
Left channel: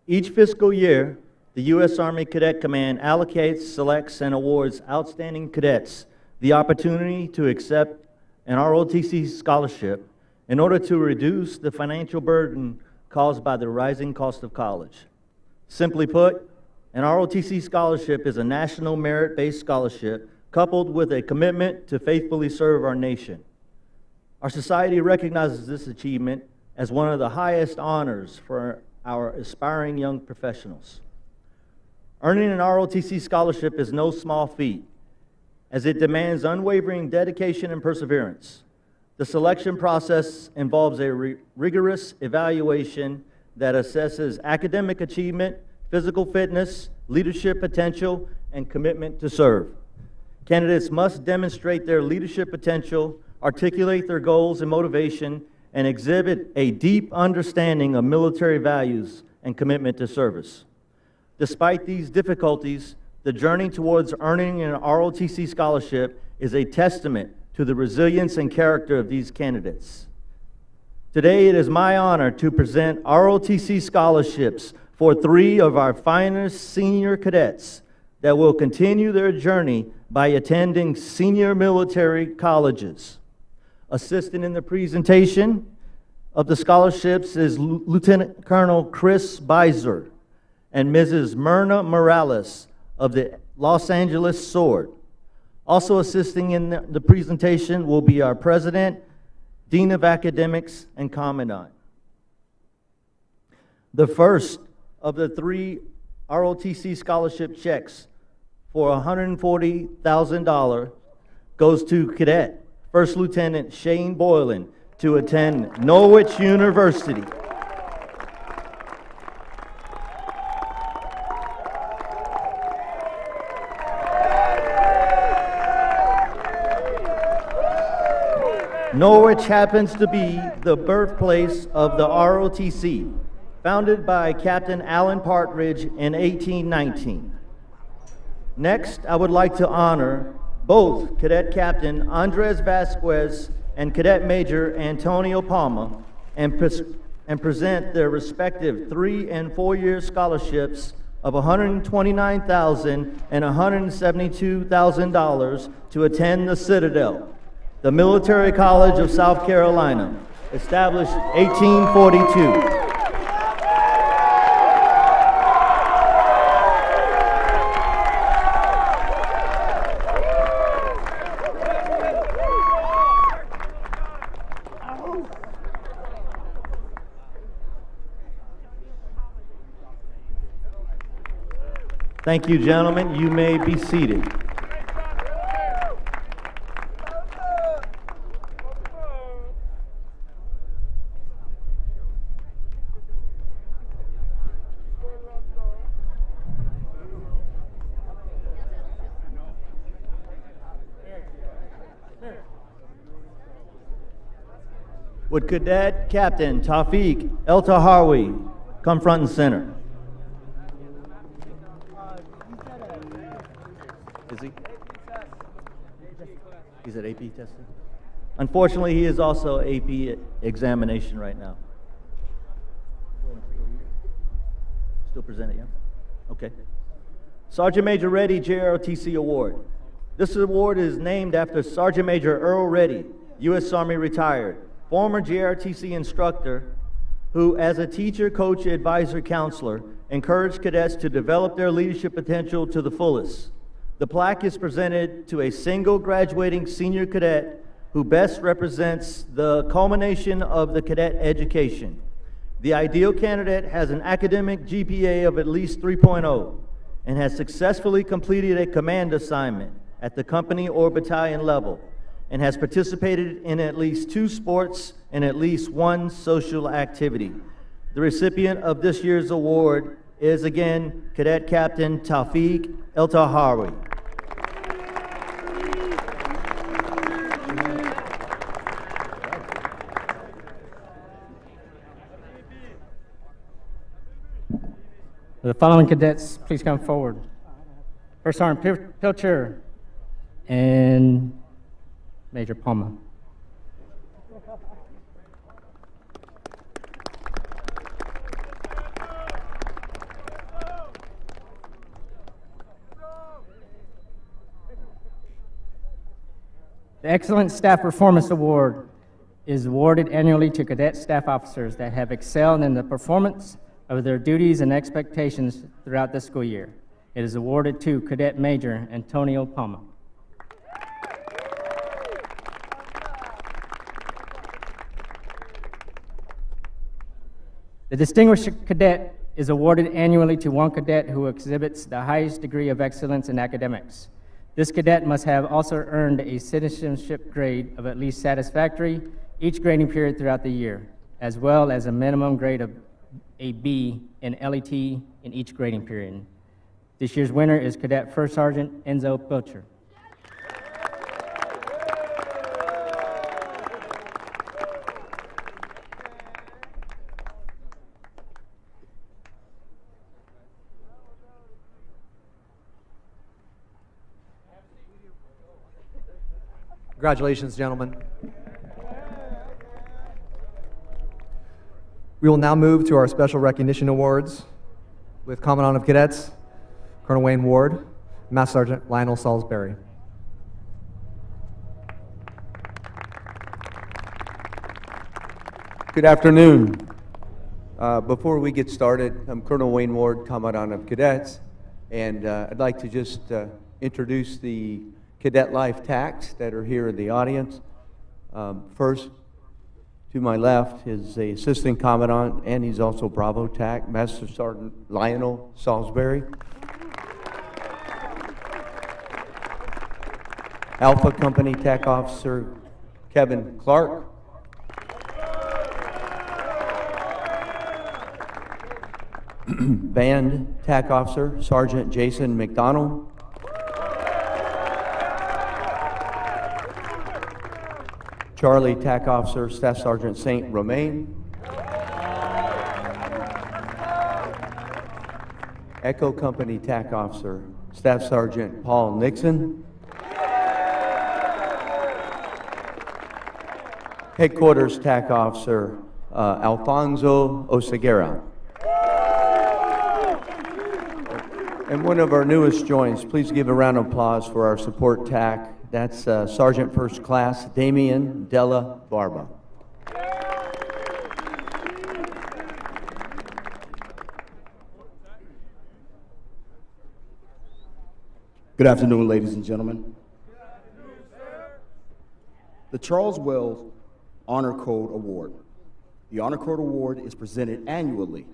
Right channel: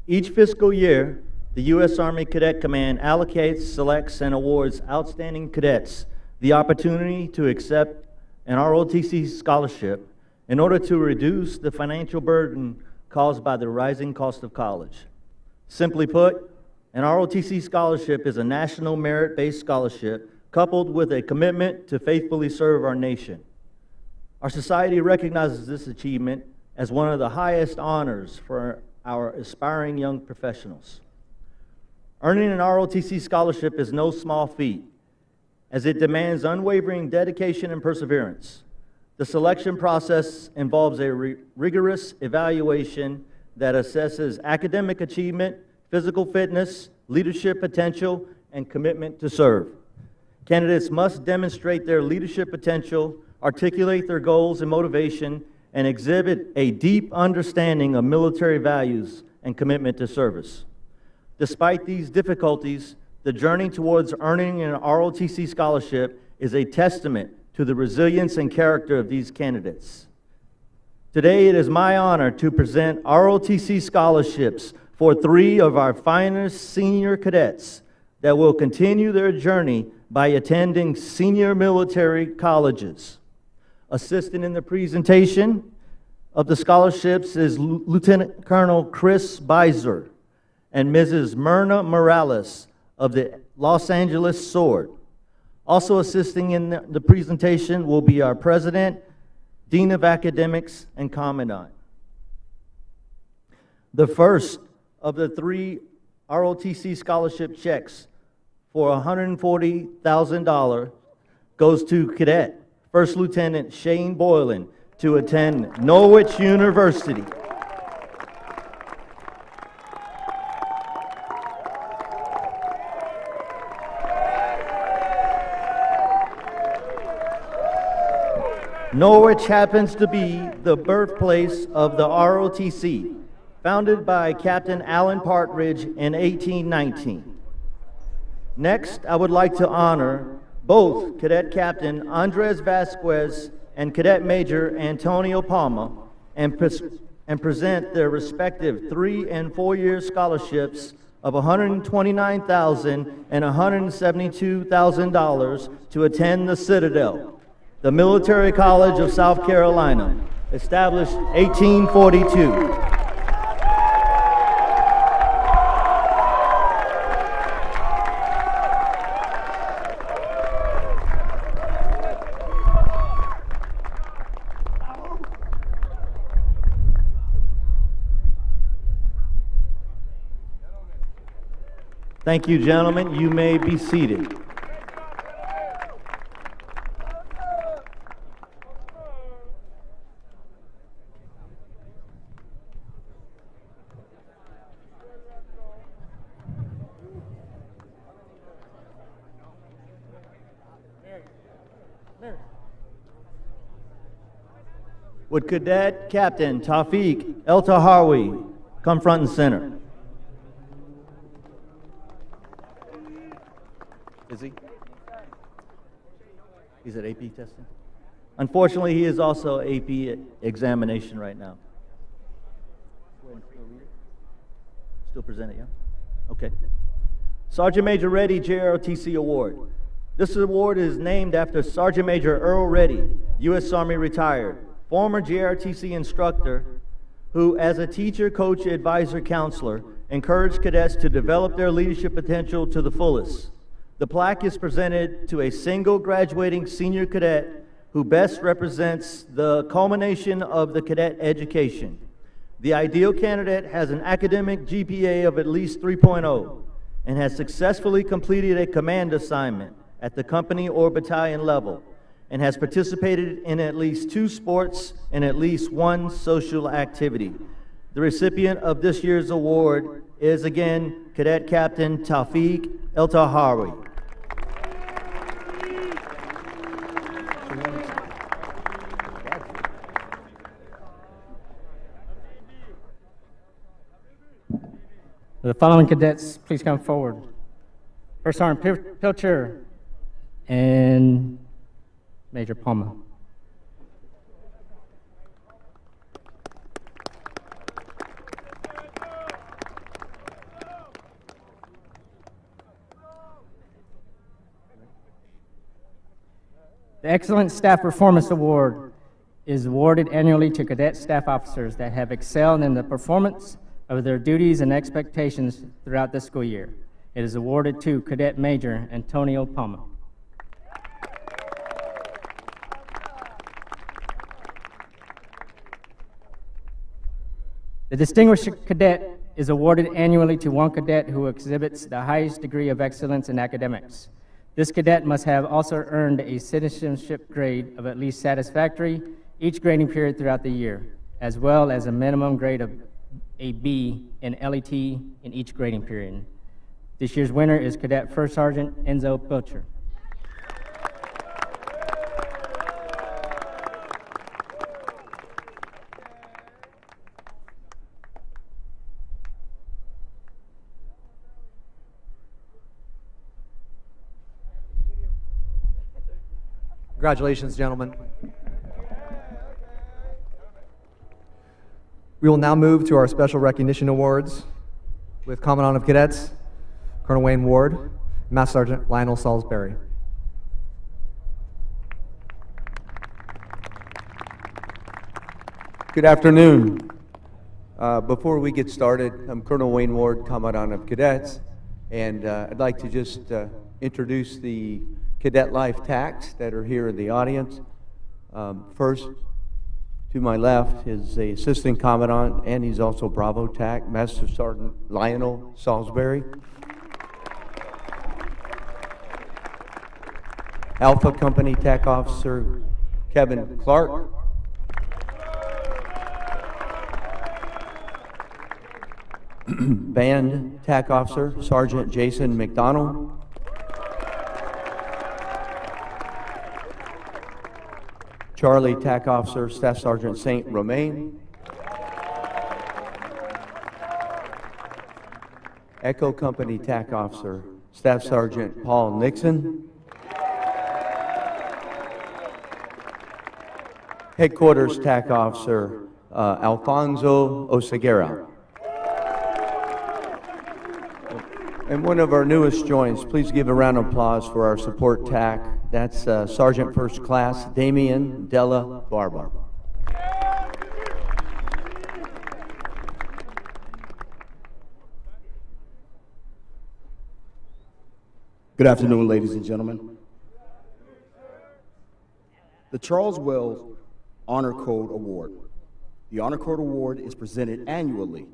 Each fiscal year, the U.S. Army Cadet Command allocates, selects, and awards outstanding cadets the opportunity to accept an ROTC scholarship in order to reduce the financial burden caused by the rising cost of college. Simply put, an ROTC scholarship is a national merit-based scholarship coupled with a commitment to faithfully serve our nation. Our society recognizes this achievement as one of the highest honors for our aspiring young professionals. Earning an ROTC scholarship is no small feat, as it demands unwavering dedication and perseverance. The selection process involves a rigorous evaluation that assesses academic achievement, physical fitness, leadership potential, and commitment to serve. Candidates must demonstrate their leadership potential, articulate their goals and motivation, and exhibit a deep understanding of military values and commitment to service. Despite these difficulties, the journey towards earning an ROTC scholarship is a testament to the resilience and character of these candidates. Today, it is my honor to present ROTC scholarships for 3 of our finest senior cadets that will continue their journey by attending senior military colleges. Assisting in the presentation of the scholarships is Lieutenant Colonel Chris Beiser and Mrs. Myrna Morales of the Los Angeles Sword. Also assisting in the presentation will be our President, Dean of Academics, and Commandant. The first of the 3 ROTC scholarship checks for $140,000 goes to Cadet First Lieutenant Shane Boylan to attend Norwich University. Norwich happens to be the birthplace of the ROTC, founded by Captain Alan Partridge in 1819. Next, I would like to honor both Cadet Captain Andres Vasquez and Cadet Major Antonio Palma and present their respective 3- and 4-year scholarships of $129,000 and $172,000 to attend the Citadel, the Military College of South Carolina, established 1842. Thank you, gentlemen. You may be seated. Would Cadet Captain Tawfiq El-Tahawi come front and center? Is he? He's at AP testing? Unfortunately, he is also AP examination right now. Still present it, yeah? Okay. Sergeant Major Reddy JROTC Award. This award is named after Sergeant Major Earl Reddy, U.S. Army retired, former JROTC instructor who, as a teacher, coach, advisor, counselor, encouraged cadets to develop their leadership potential to the fullest. The plaque is presented to a single graduating senior cadet who best represents the culmination of the cadet education. The ideal candidate has an academic GPA of at least 3.0 and has successfully completed a command assignment at the company or battalion level, and has participated in at least 2 sports and at least 1 social activity. The recipient of this year's award is again Cadet Captain Tawfiq El-Tahawi. The following cadets, please come forward. First Sergeant Pilcher and Major Palmer. The Excellent Staff Performance Award is awarded annually to cadet staff officers that have excelled in the performance of their duties and expectations throughout the school year. It is awarded to Cadet Major Antonio Palma. The Distinguished Cadet is awarded annually to one cadet who exhibits the highest degree of excellence in academics. This cadet must have also earned a citizenship grade of at least satisfactory each grading period throughout the year, as well as a minimum grade of a B in LET in each grading period. This year's winner is Cadet First Sergeant Enzo Pilcher. Congratulations, gentlemen. We will now move to our special recognition awards with Commandant of Cadets, Colonel Wayne Ward, Master Sergeant Lionel Salisbury. Good afternoon. Before we get started, I'm Colonel Wayne Ward, Commandant of Cadets, and I'd like to just introduce the Cadet Life TACs that are here in the audience. First, to my left is the Assistant Commandant, and he's also Bravo TAC, Master Sergeant Lionel Salisbury. Alpha Company TAC Officer Kevin Clark. Band TAC Officer Sergeant Jason McDonald. Charlie TAC Officer Staff Sergeant St. Romain. Echo Company TAC Officer Staff Sergeant Paul Nixon. Headquarters TAC Officer Alfonso Oseguera. And one of our newest joins, please give a round of applause for our support TAC. That's Sergeant First Class Damian Della Barba. Good afternoon, ladies and gentlemen. The Charles Wells Honor Code Award. The Honor Code Award is presented annually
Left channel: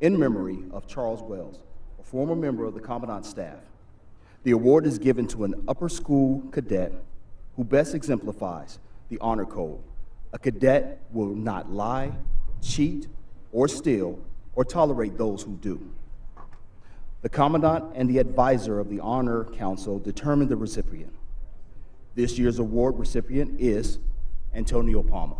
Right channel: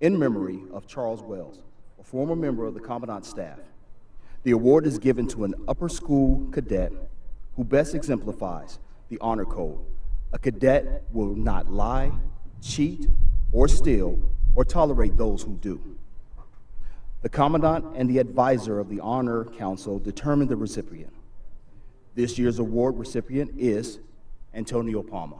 in memory of Charles Wells, a former member of the Commandant staff. The award is given to an upper school cadet who best exemplifies the honor code. A cadet will not lie, cheat, or steal, or tolerate those who do. The Commandant and the advisor of the Honor Council determine the recipient. This year's award recipient is Antonio Palma.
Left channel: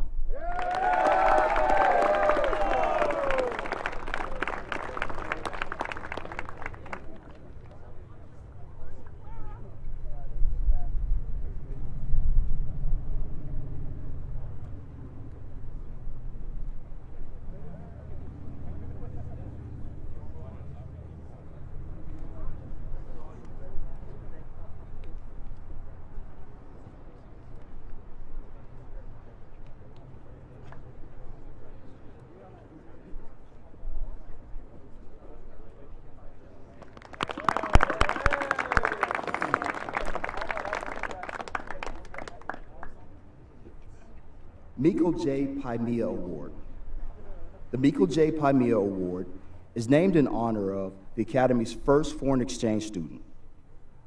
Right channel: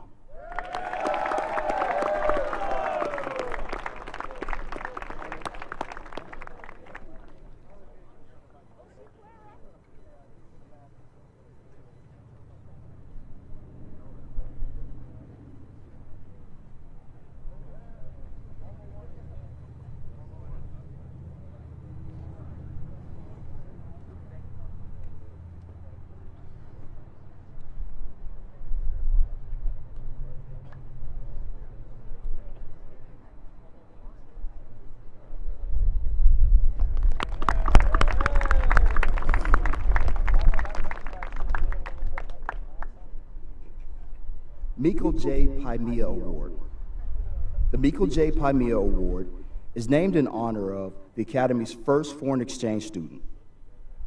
Miko J. Paimia Award. The Miko J. Paimia Award is named in honor of the Academy's first foreign exchange student,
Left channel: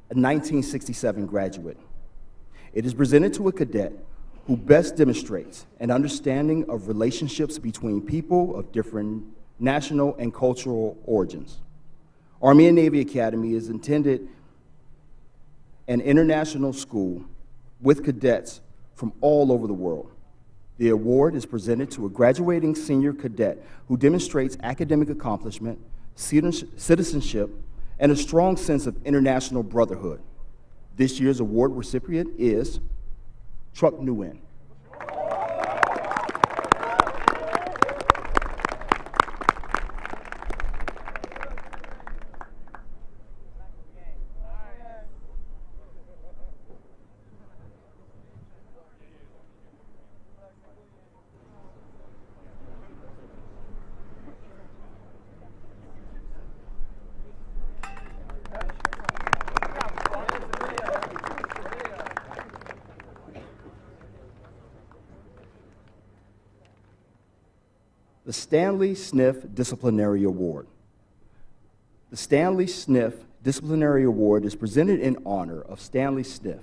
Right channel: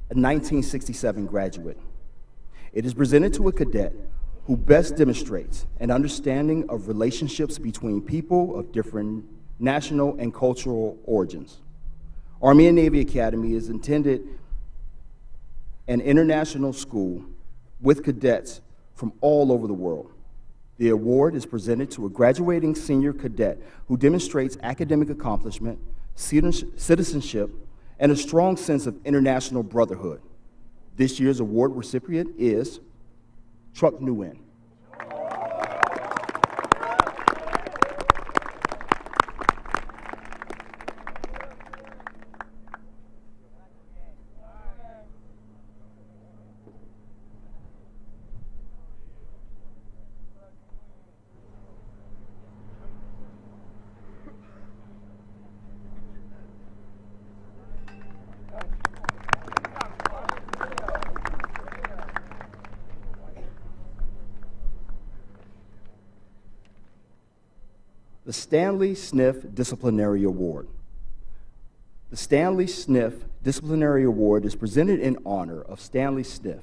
a 1967 graduate. It is presented to a cadet who best demonstrates an understanding of relationships between people of different national and cultural origins. Army and Navy Academy is intended an international school with cadets from all over the world. The award is presented to a graduating senior cadet who demonstrates academic accomplishment, citizenship, and a strong sense of international brotherhood. This year's award recipient is Truck Nguyen. The Stanley Sniff Disciplinary Award. The Stanley Sniff Disciplinary Award is presented in honor of Stanley Sniff,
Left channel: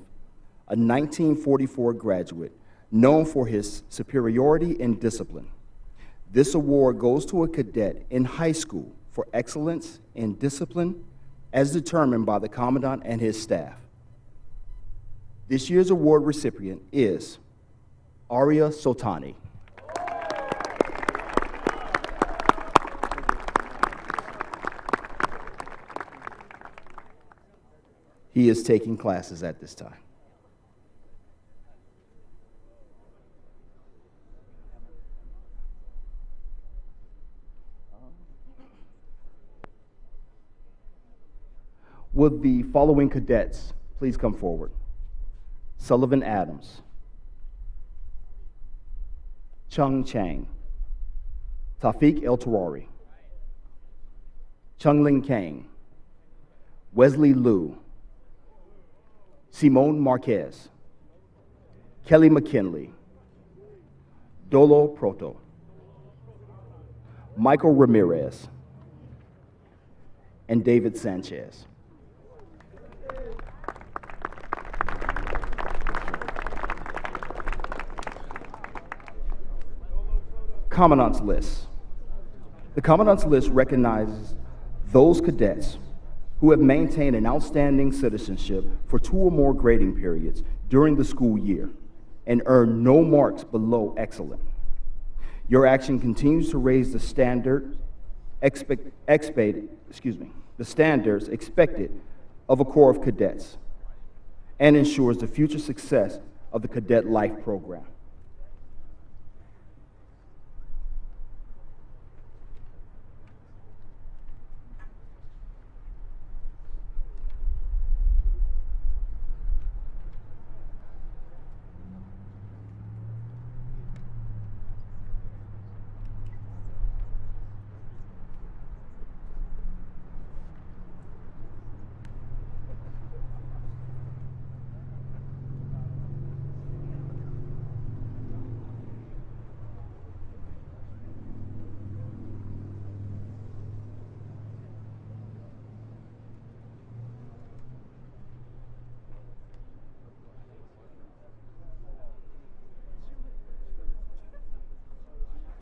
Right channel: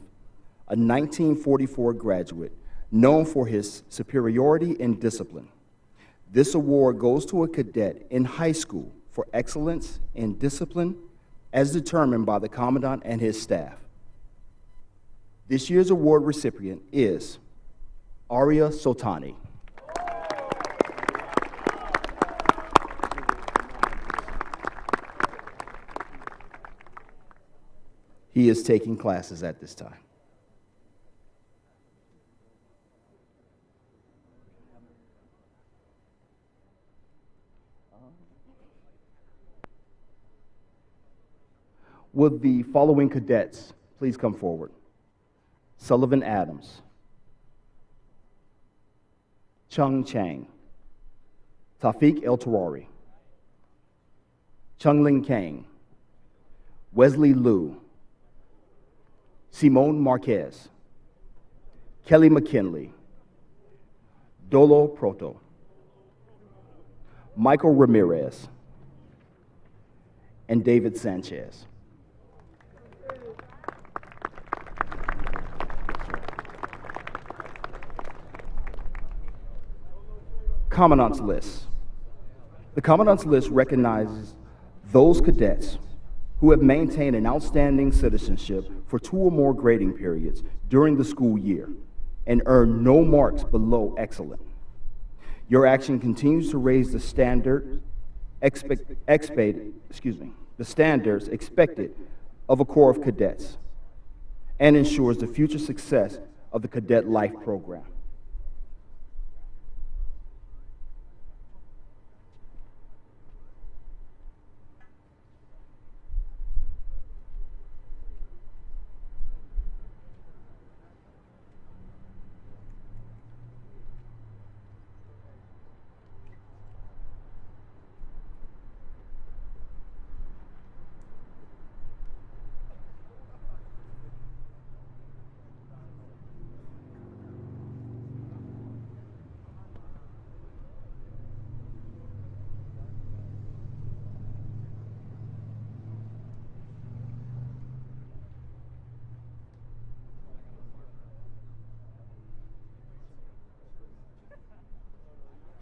a 1944 graduate known for his superiority in discipline. This award goes to a cadet in high school for excellence in discipline as determined by the Commandant and his staff. This year's award recipient is Arya Sultani. He is taking classes at this time. Would the following cadets please come forward? Sullivan Adams, Chung Chang, Tafiq El Terari, Chung Ling Kang, Wesley Liu, Simone Marquez, Kelly McKinley, Dolo Proto, Michael Ramirez, and David Sanchez. Commandant's List. The Commandant's List recognizes those cadets who have maintained an outstanding citizenship for 2 or more grading periods during the school year and earned no marks below excellent. Your action continues to raise the standards expected of a Corps of Cadets and ensures the future success of the Cadet Life program.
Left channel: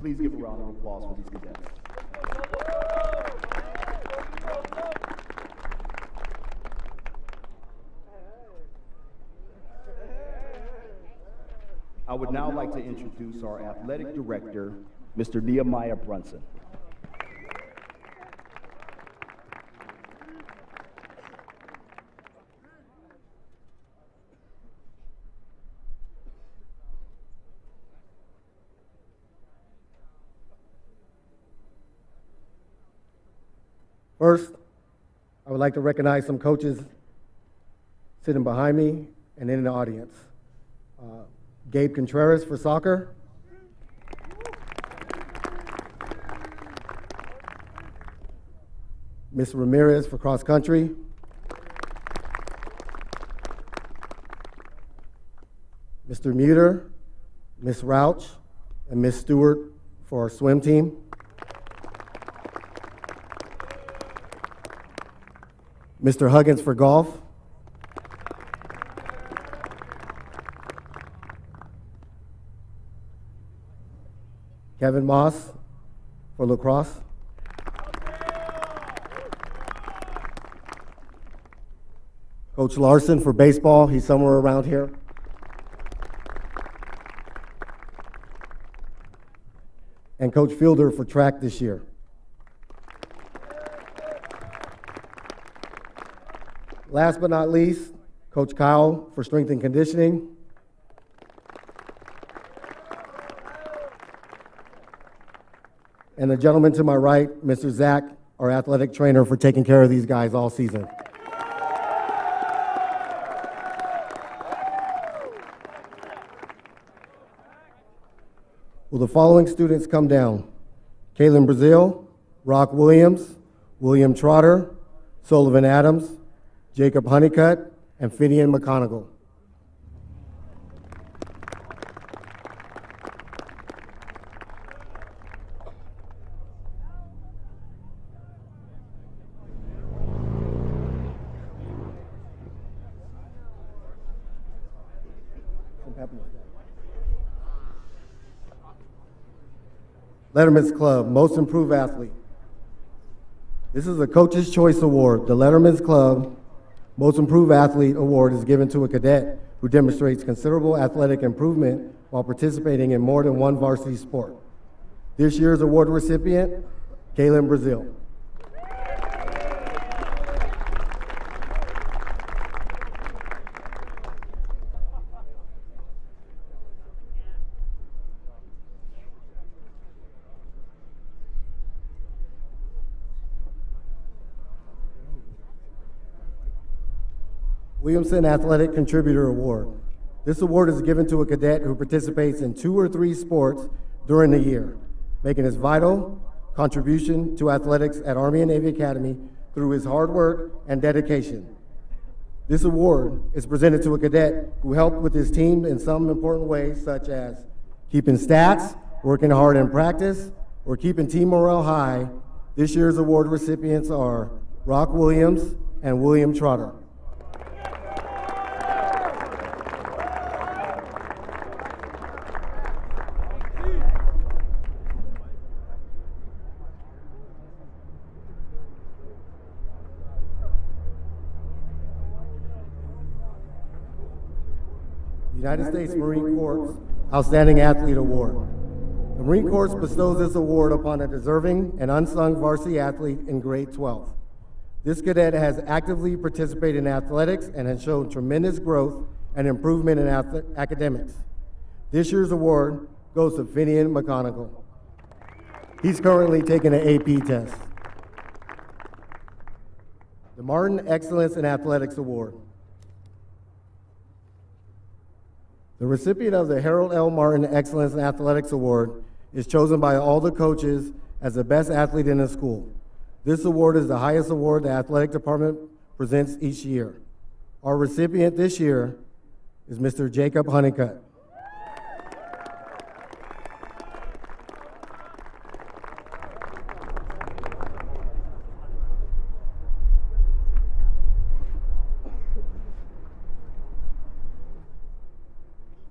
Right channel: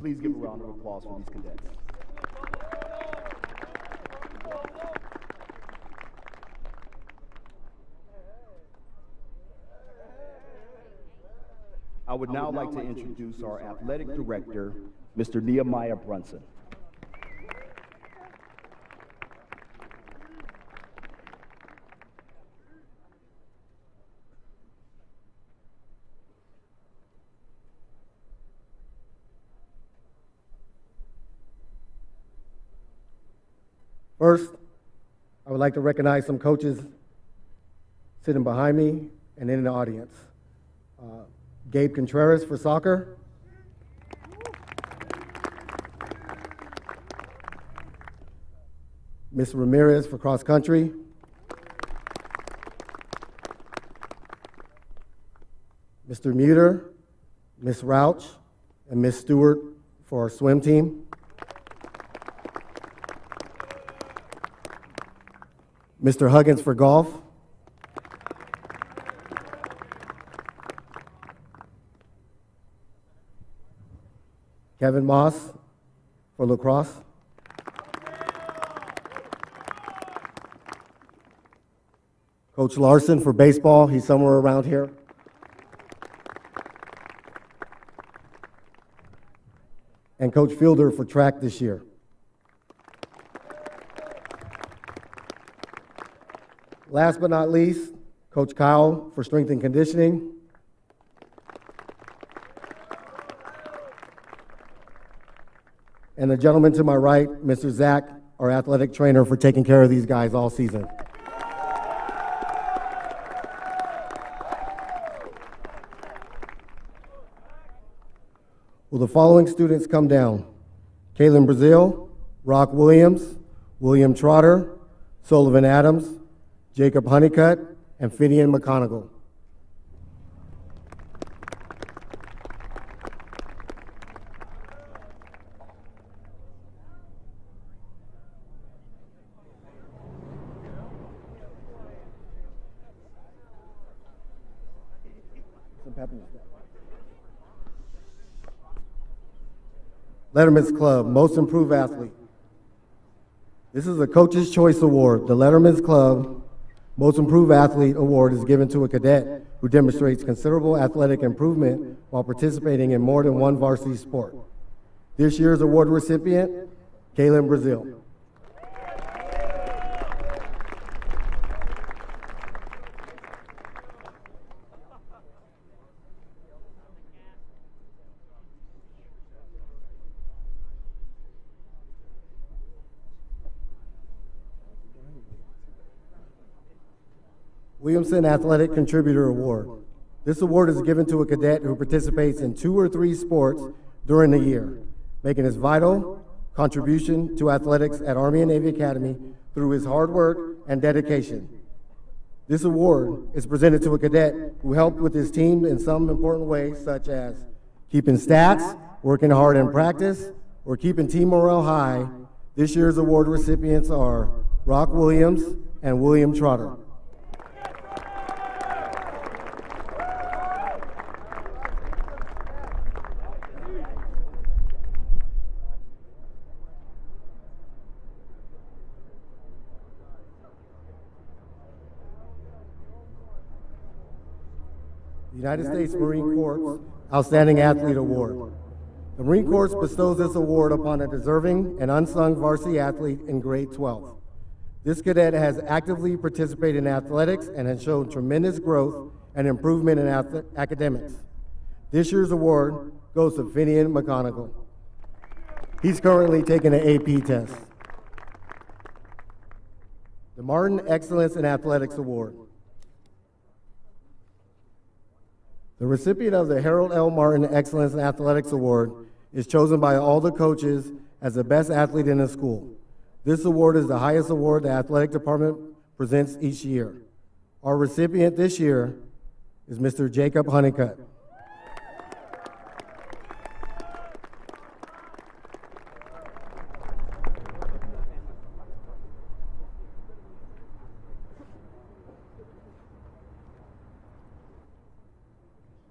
Please give a round of applause for these cadets. I would now like to introduce our athletic director, Mr. Nehemiah Brunson. First, I would like to recognize some coaches sitting behind me and in the audience. Gabe Contreras for soccer. Ms. Ramirez for cross country. Mr. Muter, Ms. Rauch, and Ms. Stewart for our swim team. Mr. Huggins for golf, Kevin Moss for lacrosse, Coach Larson for baseball, he's somewhere around here, and Coach Fielder for track this year. Last but not least, Coach Kyle for strength and conditioning, and the gentleman to my right, Mr. Zach, our athletic trainer, for taking care of these guys all season. Will the following students come down? Kaylin Brazil, Rock Williams, William Trotter, Sullivan Adams, Jacob Honeycutt, and Finian McConaughey. Letterman's Club, Most Improved Athlete. This is a Coach's Choice Award. The Letterman's Club Most Improved Athlete Award is given to a cadet who demonstrates considerable athletic improvement while participating in more than one varsity sport. This year's award recipient, Kaylin Brazil. Williamson Athletic Contributor Award. This award is given to a cadet who participates in 2 or 3 sports during the year, making his vital contribution to athletics at Army and Navy Academy through his hard work and dedication. This award is presented to a cadet who helped with his team in some important ways, such as keeping stats, working hard in practice, or keeping team morale high. This year's award recipients are Rock Williams and William Trotter. United States Marine Corps Outstanding Athlete Award. The Marine Corps bestows this award upon a deserving and unsung varsity athlete in grade 12. This cadet has actively participated in athletics and has shown tremendous growth and improvement in academics. This year's award goes to Finian McConaughey. He's currently taking an AP test. The Martin Excellence in Athletics Award. The recipient of the Harold L. Martin Excellence in Athletics Award is chosen by all the coaches as the best athlete in the school. This award is the highest award the athletic department presents each year. Our recipient this year is Mr. Jacob Honeycutt.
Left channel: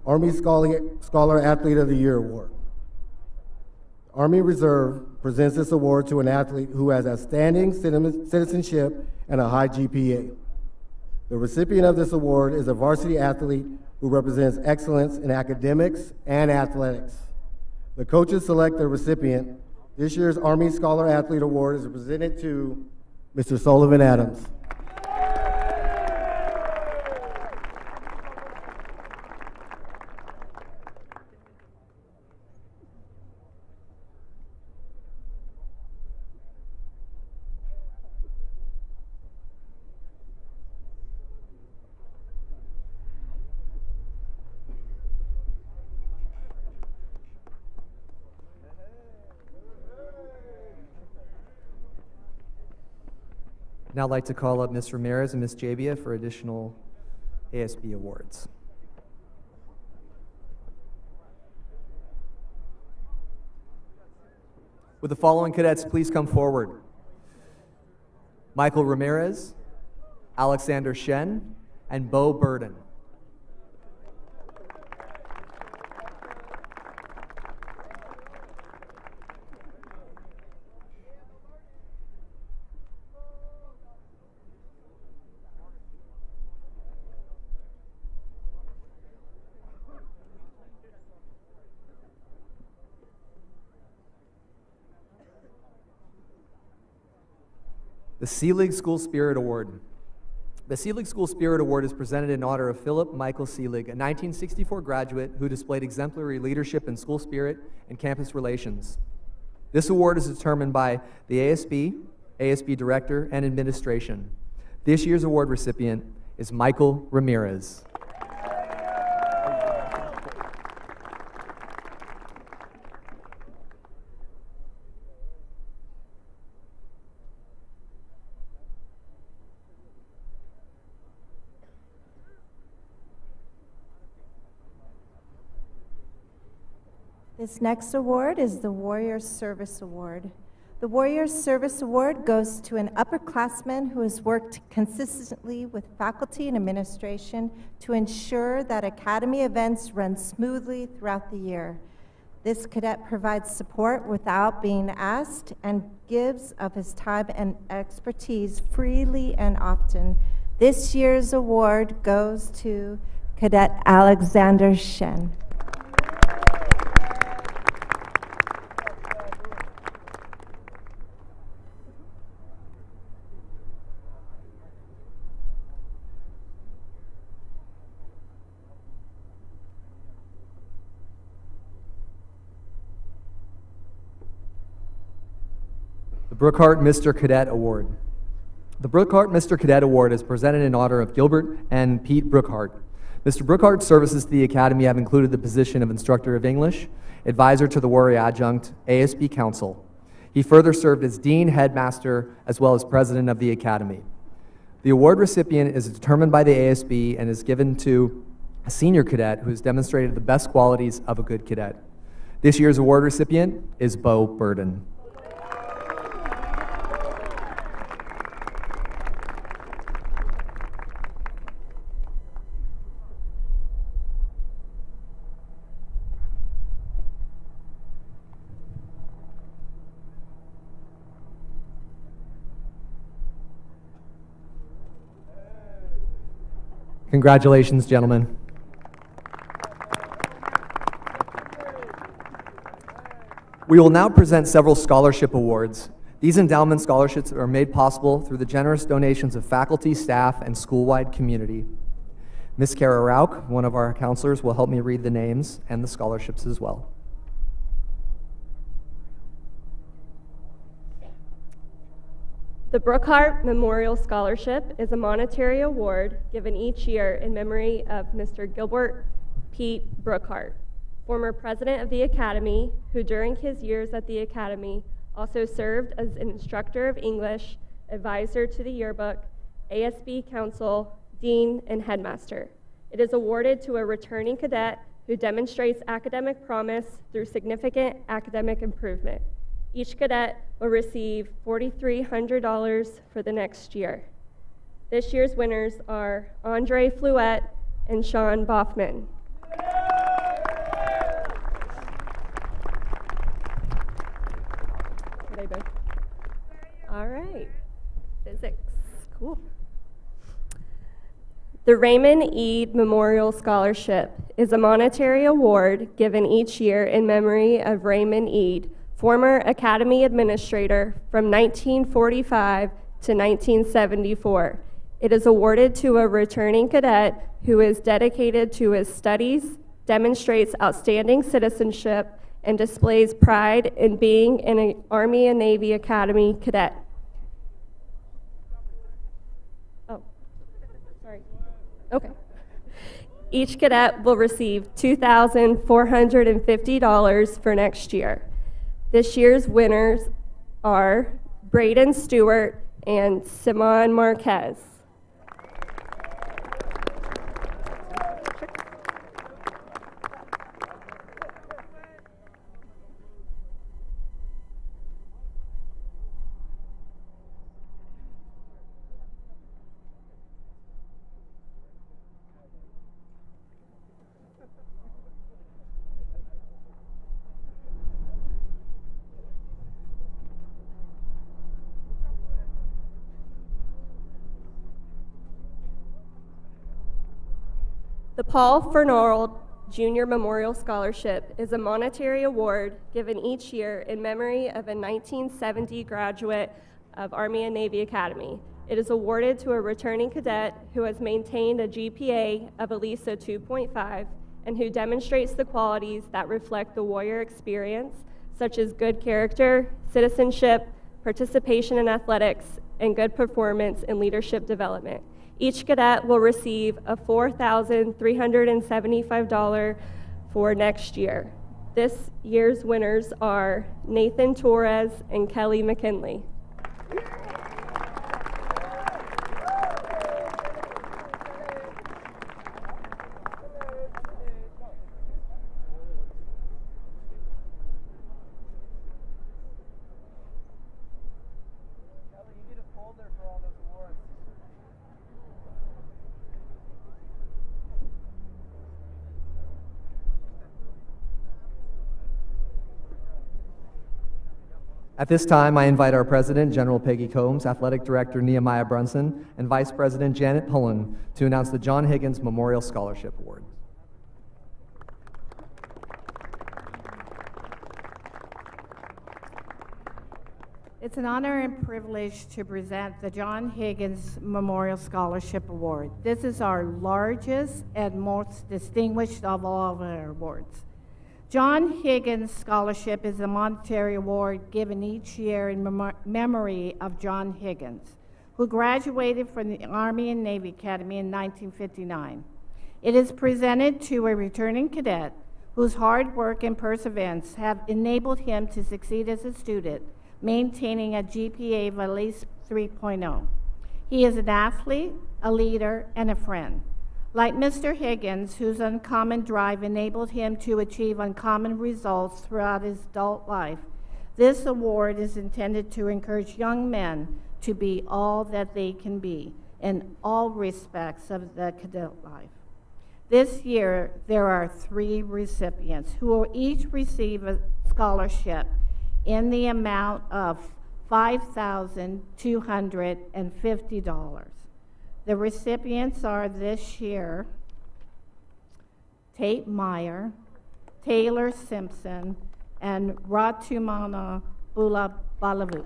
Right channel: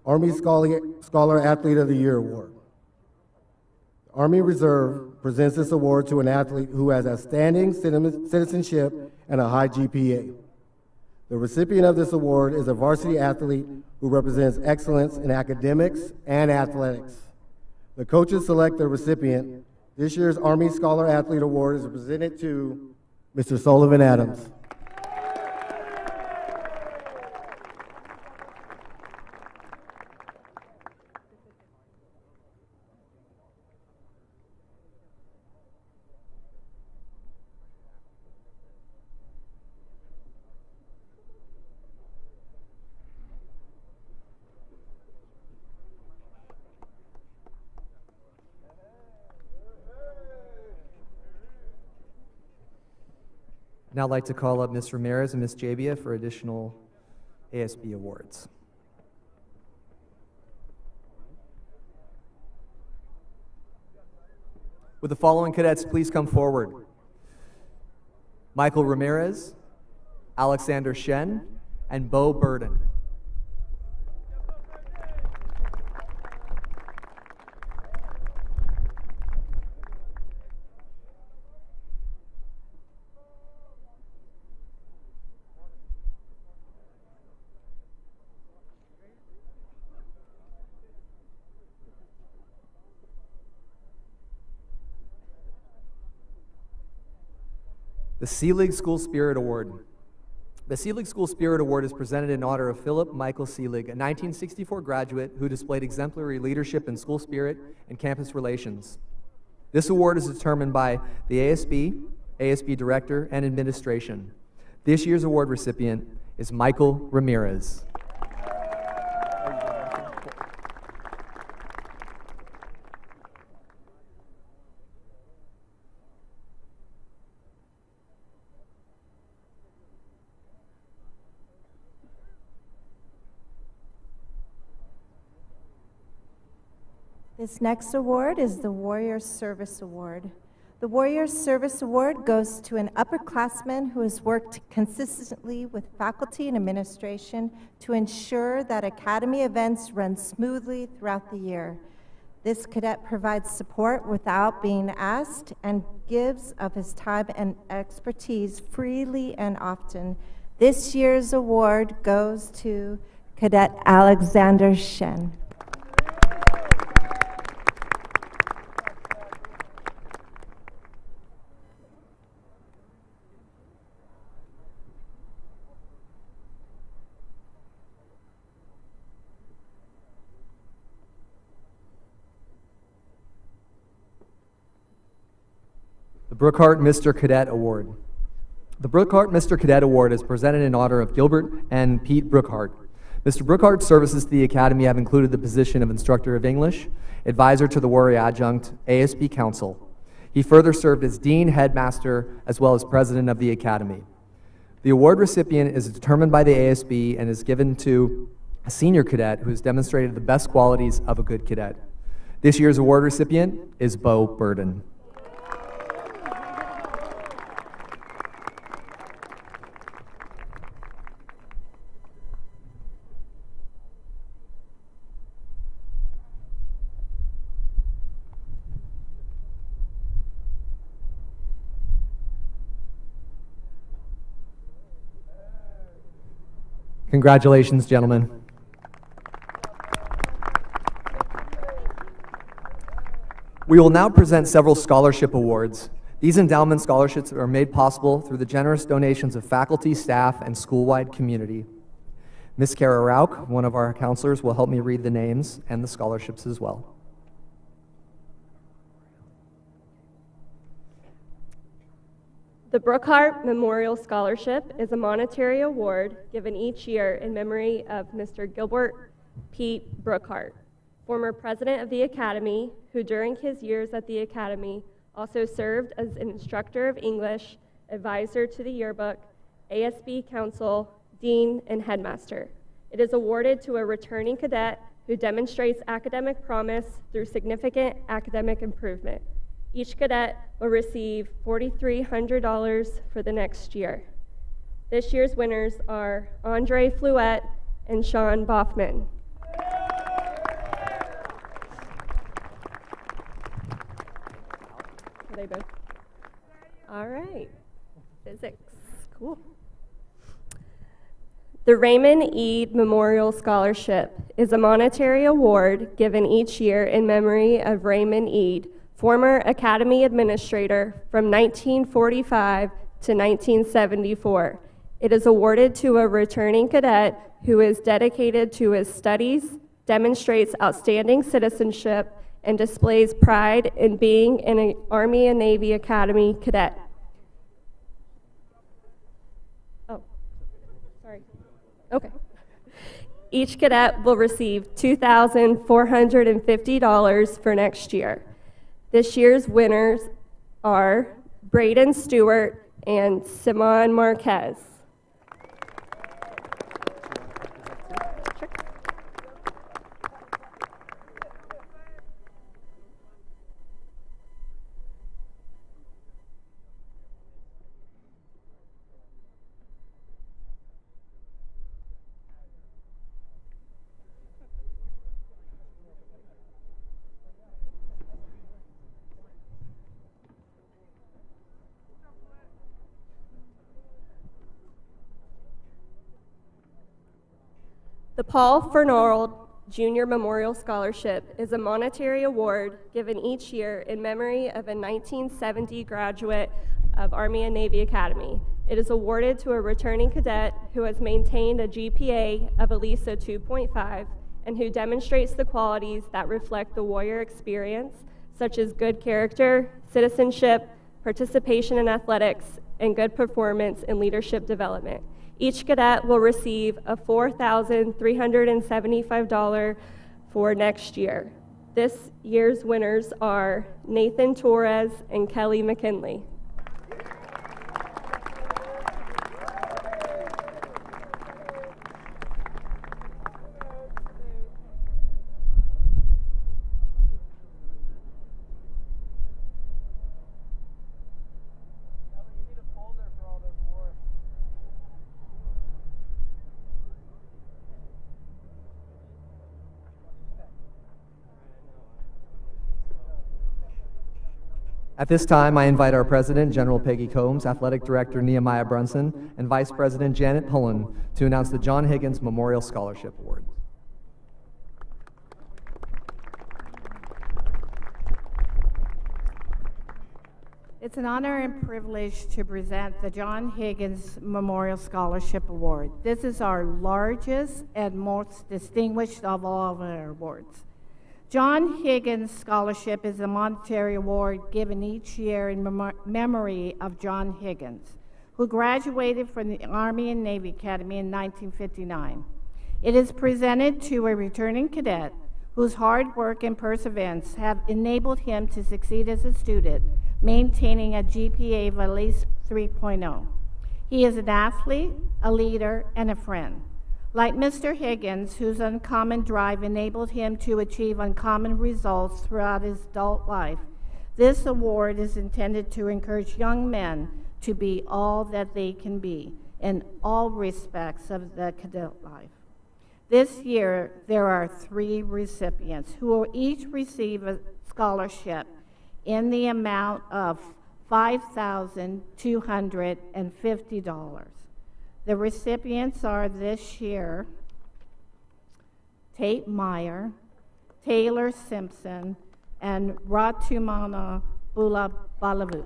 Army Scholar Athlete of the Year Award. The Army Reserve presents this award to an athlete who has outstanding citizenship and a high GPA. The recipient of this award is a varsity athlete who represents excellence in academics and athletics. The coaches select the recipient. This year's Army Scholar Athlete Award is presented to Mr. Sullivan Adams. Now I'd like to call up Ms. Ramirez and Ms. Jabia for additional ASB awards. Would the following cadets please come forward? Michael Ramirez, Alexander Shen, and Bo Burden. The Seelig School Spirit Award. The Seelig School Spirit Award is presented in honor of Philip Michael Seelig, a 1964 graduate who displayed exemplary leadership in school spirit and campus relations. This award is determined by the ASB Director, and Administration. This year's award recipient is Michael Ramirez. This next award is the Warrior Service Award. The Warrior Service Award goes to an upperclassman who has worked consistently with faculty and administration to ensure that academy events run smoothly throughout the year. This cadet provides support without being asked and gives of his time and expertise freely and often. This year's award goes to Cadet Alexander Shen. The Brookhart Mr. Cadet Award. The Brookhart Mr. Cadet Award is presented in honor of Gilbert and Pete Brookhart. Mr. Brookhart's services to the Academy have included the position of Instructor of English, Advisor to the Warrior Adjunct, ASB Council. He further served as Dean, Headmaster, as well as President of the Academy. The award recipient is determined by the ASB and is given to a senior cadet who has demonstrated the best qualities of a good cadet. This year's award recipient is Bo Burden. Congratulations, gentlemen. We will now present several scholarship awards. These endowment scholarships are made possible through the generous donations of faculty, staff, and school-wide community. Ms. Kara Rauch, one of our counselors, will help me read the names and the scholarships as well. The Brookhart Memorial Scholarship is a monetary award given each year in memory of Mr. Gilbert Pete Brookhart, former president of the Academy, who during his years at the Academy also served as an instructor of English, advisor to the yearbook, ASB Council, Dean, and Headmaster. It is awarded to a returning cadet who demonstrates academic promise through significant academic improvement. Each cadet will receive $4,300 for the next year. This year's winners are Andre Fluette and Sean Boffman. Are they both? All right, physics, cool. The Raymond Eade Memorial Scholarship is a monetary award given each year in memory of Raymond Eade, former Academy Administrator from 1945 to 1974. It is awarded to a returning cadet who is dedicated to his studies, demonstrates outstanding citizenship, and displays pride in being an Army and Navy Academy cadet. Oh, sorry. Okay. Each cadet will receive $2,450 for next year. This year's winners are Braden Stewart and Simon Marquez. The Paul Fernald Junior Memorial Scholarship is a monetary award given each year in memory of a 1970 graduate of Army and Navy Academy. It is awarded to a returning cadet who has maintained a GPA of at least a 2.5 and who demonstrates the qualities that reflect the warrior experience, such as good character, citizenship, participation in athletics, and good performance in leadership development. Each cadet will receive a $4,375 for next year. This year's winners are Nathan Torres and Kelly McKinley. At this time, I invite our President, General Peggy Combs, Athletic Director Nehemiah Brunson, and Vice President Janet Pullen to announce the John Higgins Memorial Scholarship Award. It's an honor and privilege to present the John Higgins Memorial Scholarship Award. This is our largest and most distinguished of all of our awards. John Higgins Scholarship is a monetary award given each year in memory of John Higgins, who graduated from the Army and Navy Academy in 1959. It is presented to a returning cadet whose hard work and perseverance have enabled him to succeed as a student, maintaining a GPA of at least 3.0. He is an athlete, a leader, and a friend. Like Mr. Higgins, whose uncommon drive enabled him to achieve uncommon results throughout his adult life, this award is intended to encourage young men to be all that they can be in all respects of the cadet life. This year, there are 3 recipients who will each receive a scholarship in the amount of $5,250. The recipients are this year Tate Meyer, Taylor Simpson, and Ratumana Balavu.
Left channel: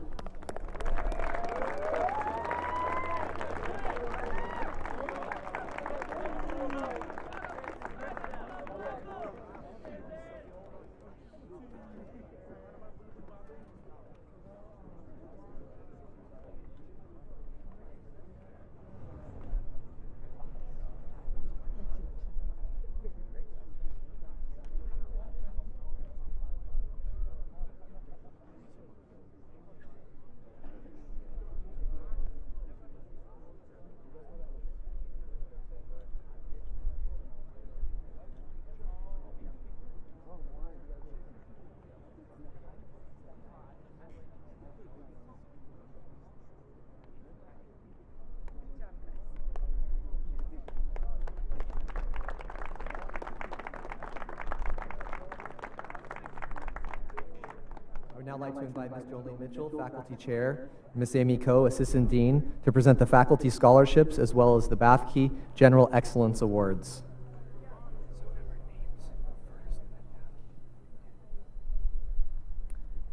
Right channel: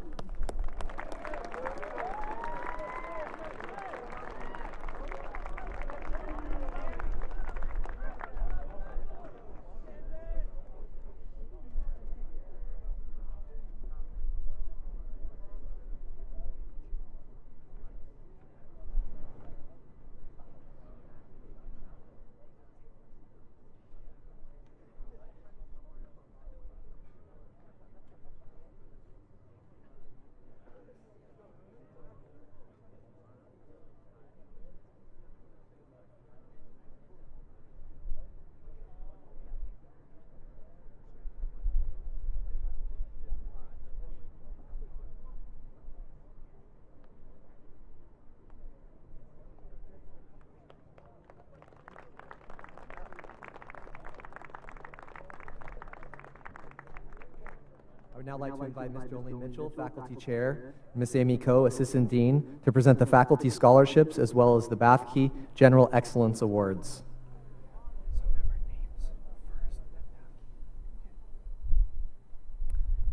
I would now like to invite Ms. Jolene Mitchell, Faculty Chair, and Ms. Amy Coe, Assistant Dean, to present the faculty scholarships as well as the Bathke General Excellence Awards.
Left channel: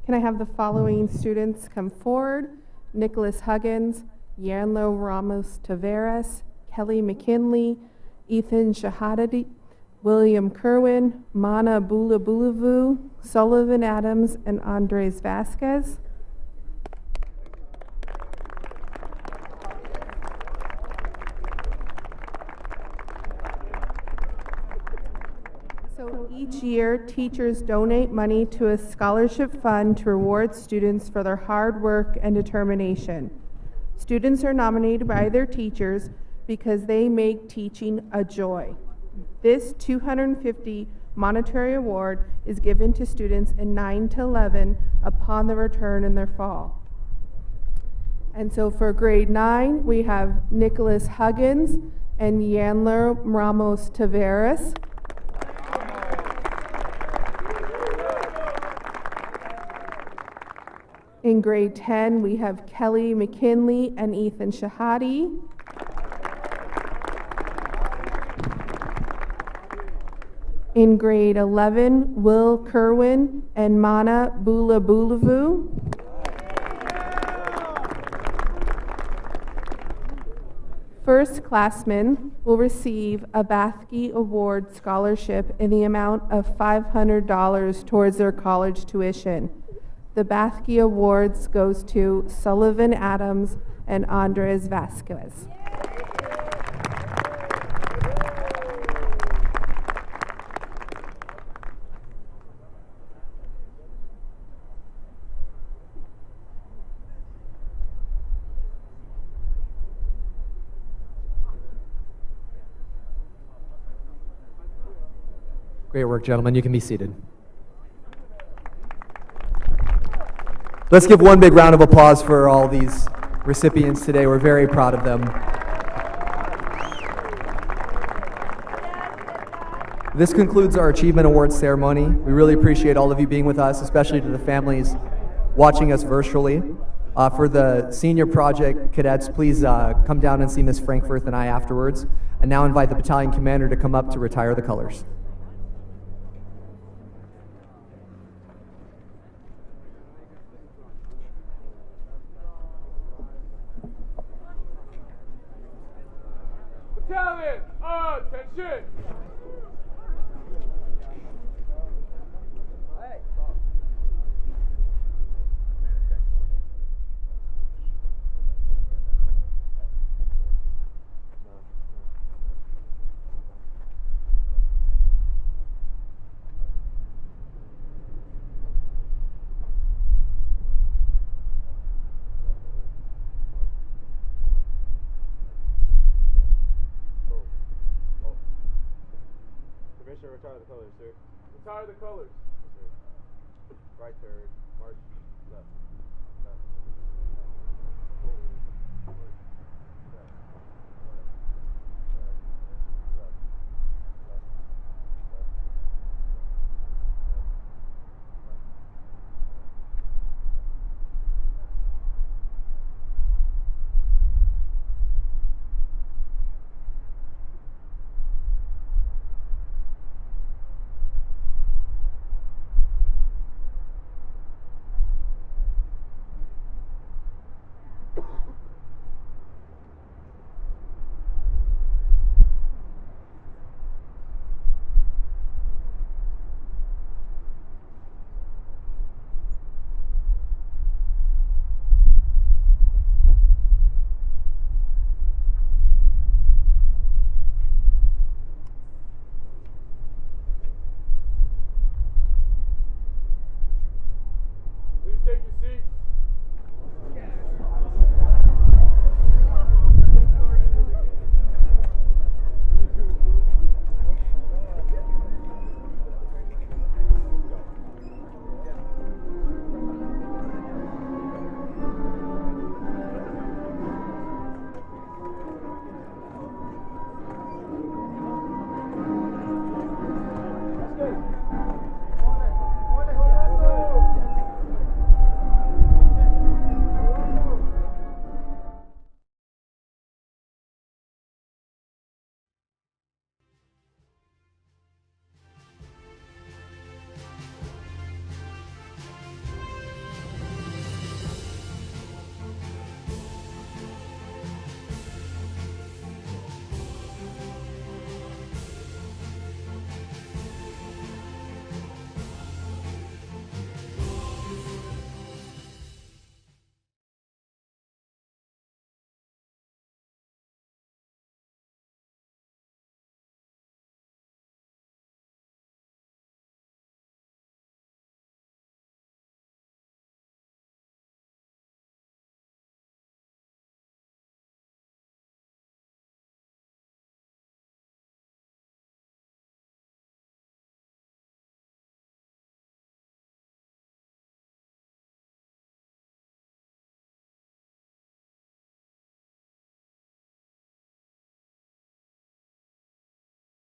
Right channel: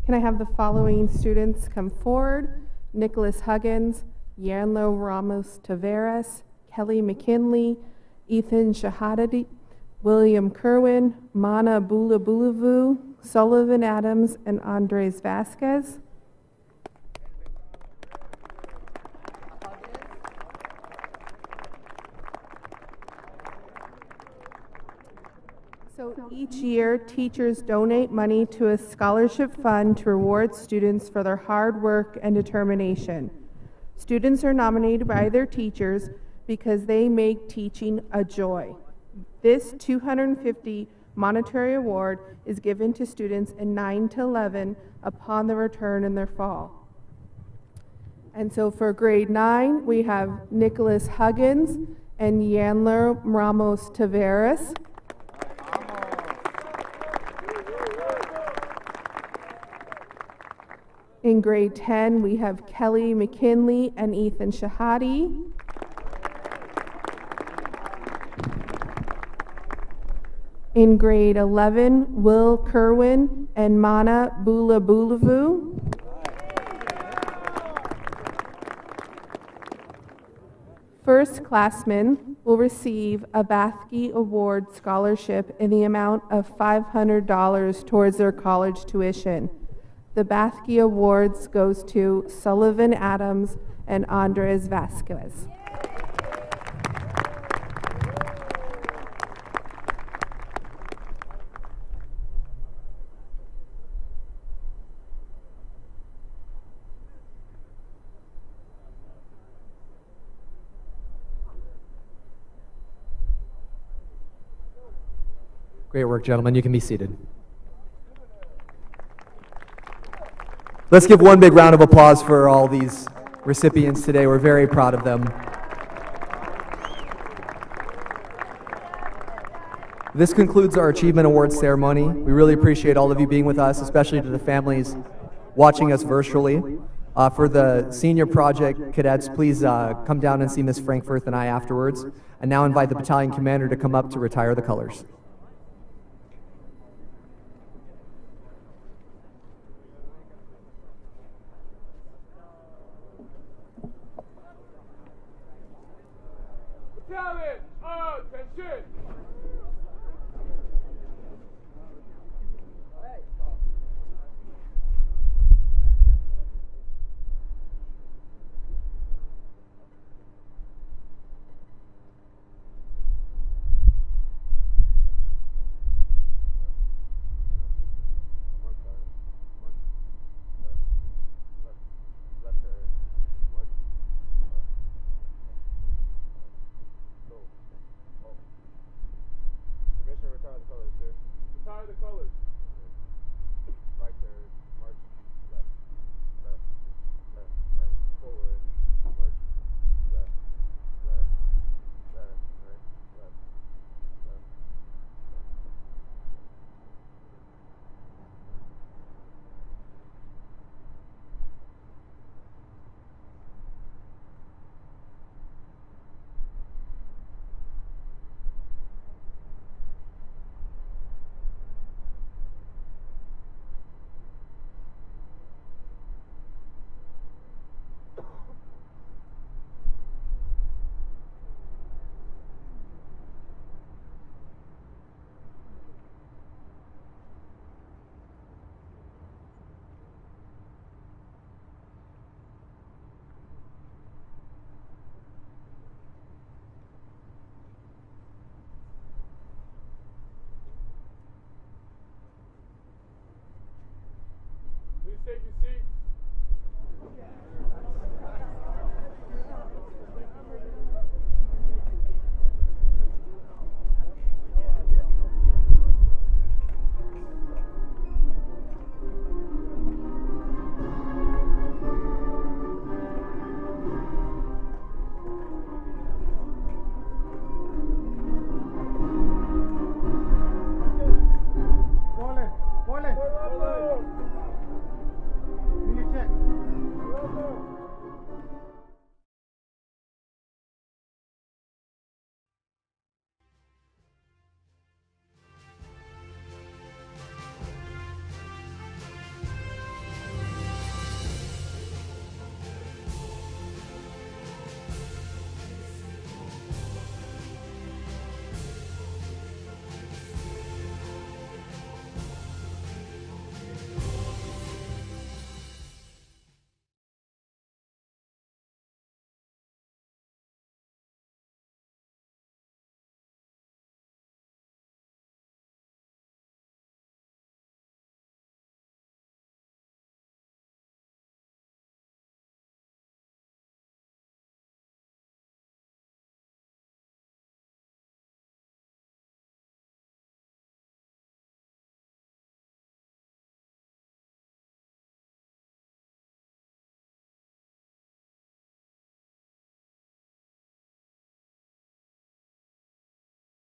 Can I have the following students come forward? Nicholas Huggins, Yanlo Ramos Taveras, Kelly McKinley, Ethan Shahadadi, William Kerwin, Mana Bulabulavu, Sullivan Adams, and Andres Vasquez. So each year, teachers donate money to a scholarship fund to reward students for their hard work and determination. Students are nominated by their teachers because they make teaching a joy. This $250 monetary award is given to students in 9 to 11 upon their return in their fall. And so for grade 9, we have Nicholas Huggins and Yanler Ramos Taveras. In grade 10, we have Kelly McKinley and Ethan Shahadi. In grade 11, Will Kerwin and Mana Bulabulavu. First-classmen will receive a Bathke Award scholarship in the amount of $500 towards their college tuition. The Bathke Awards goes to Sullivan Adams and Andres Vasquez. Great work, gentlemen. You can be seated. Let's give one big round of applause for all these recipients today. We're very proud of them. This concludes our Achievement Awards ceremony. We really appreciate all of you being with us, especially to the families watching us virtually. For the senior project cadets, please come down and see Ms. Frankfurth and I afterwards. And now invite the battalion commander to come up to retire the colors. Battalion, attention! Retire the colors, sir. Retire the colors.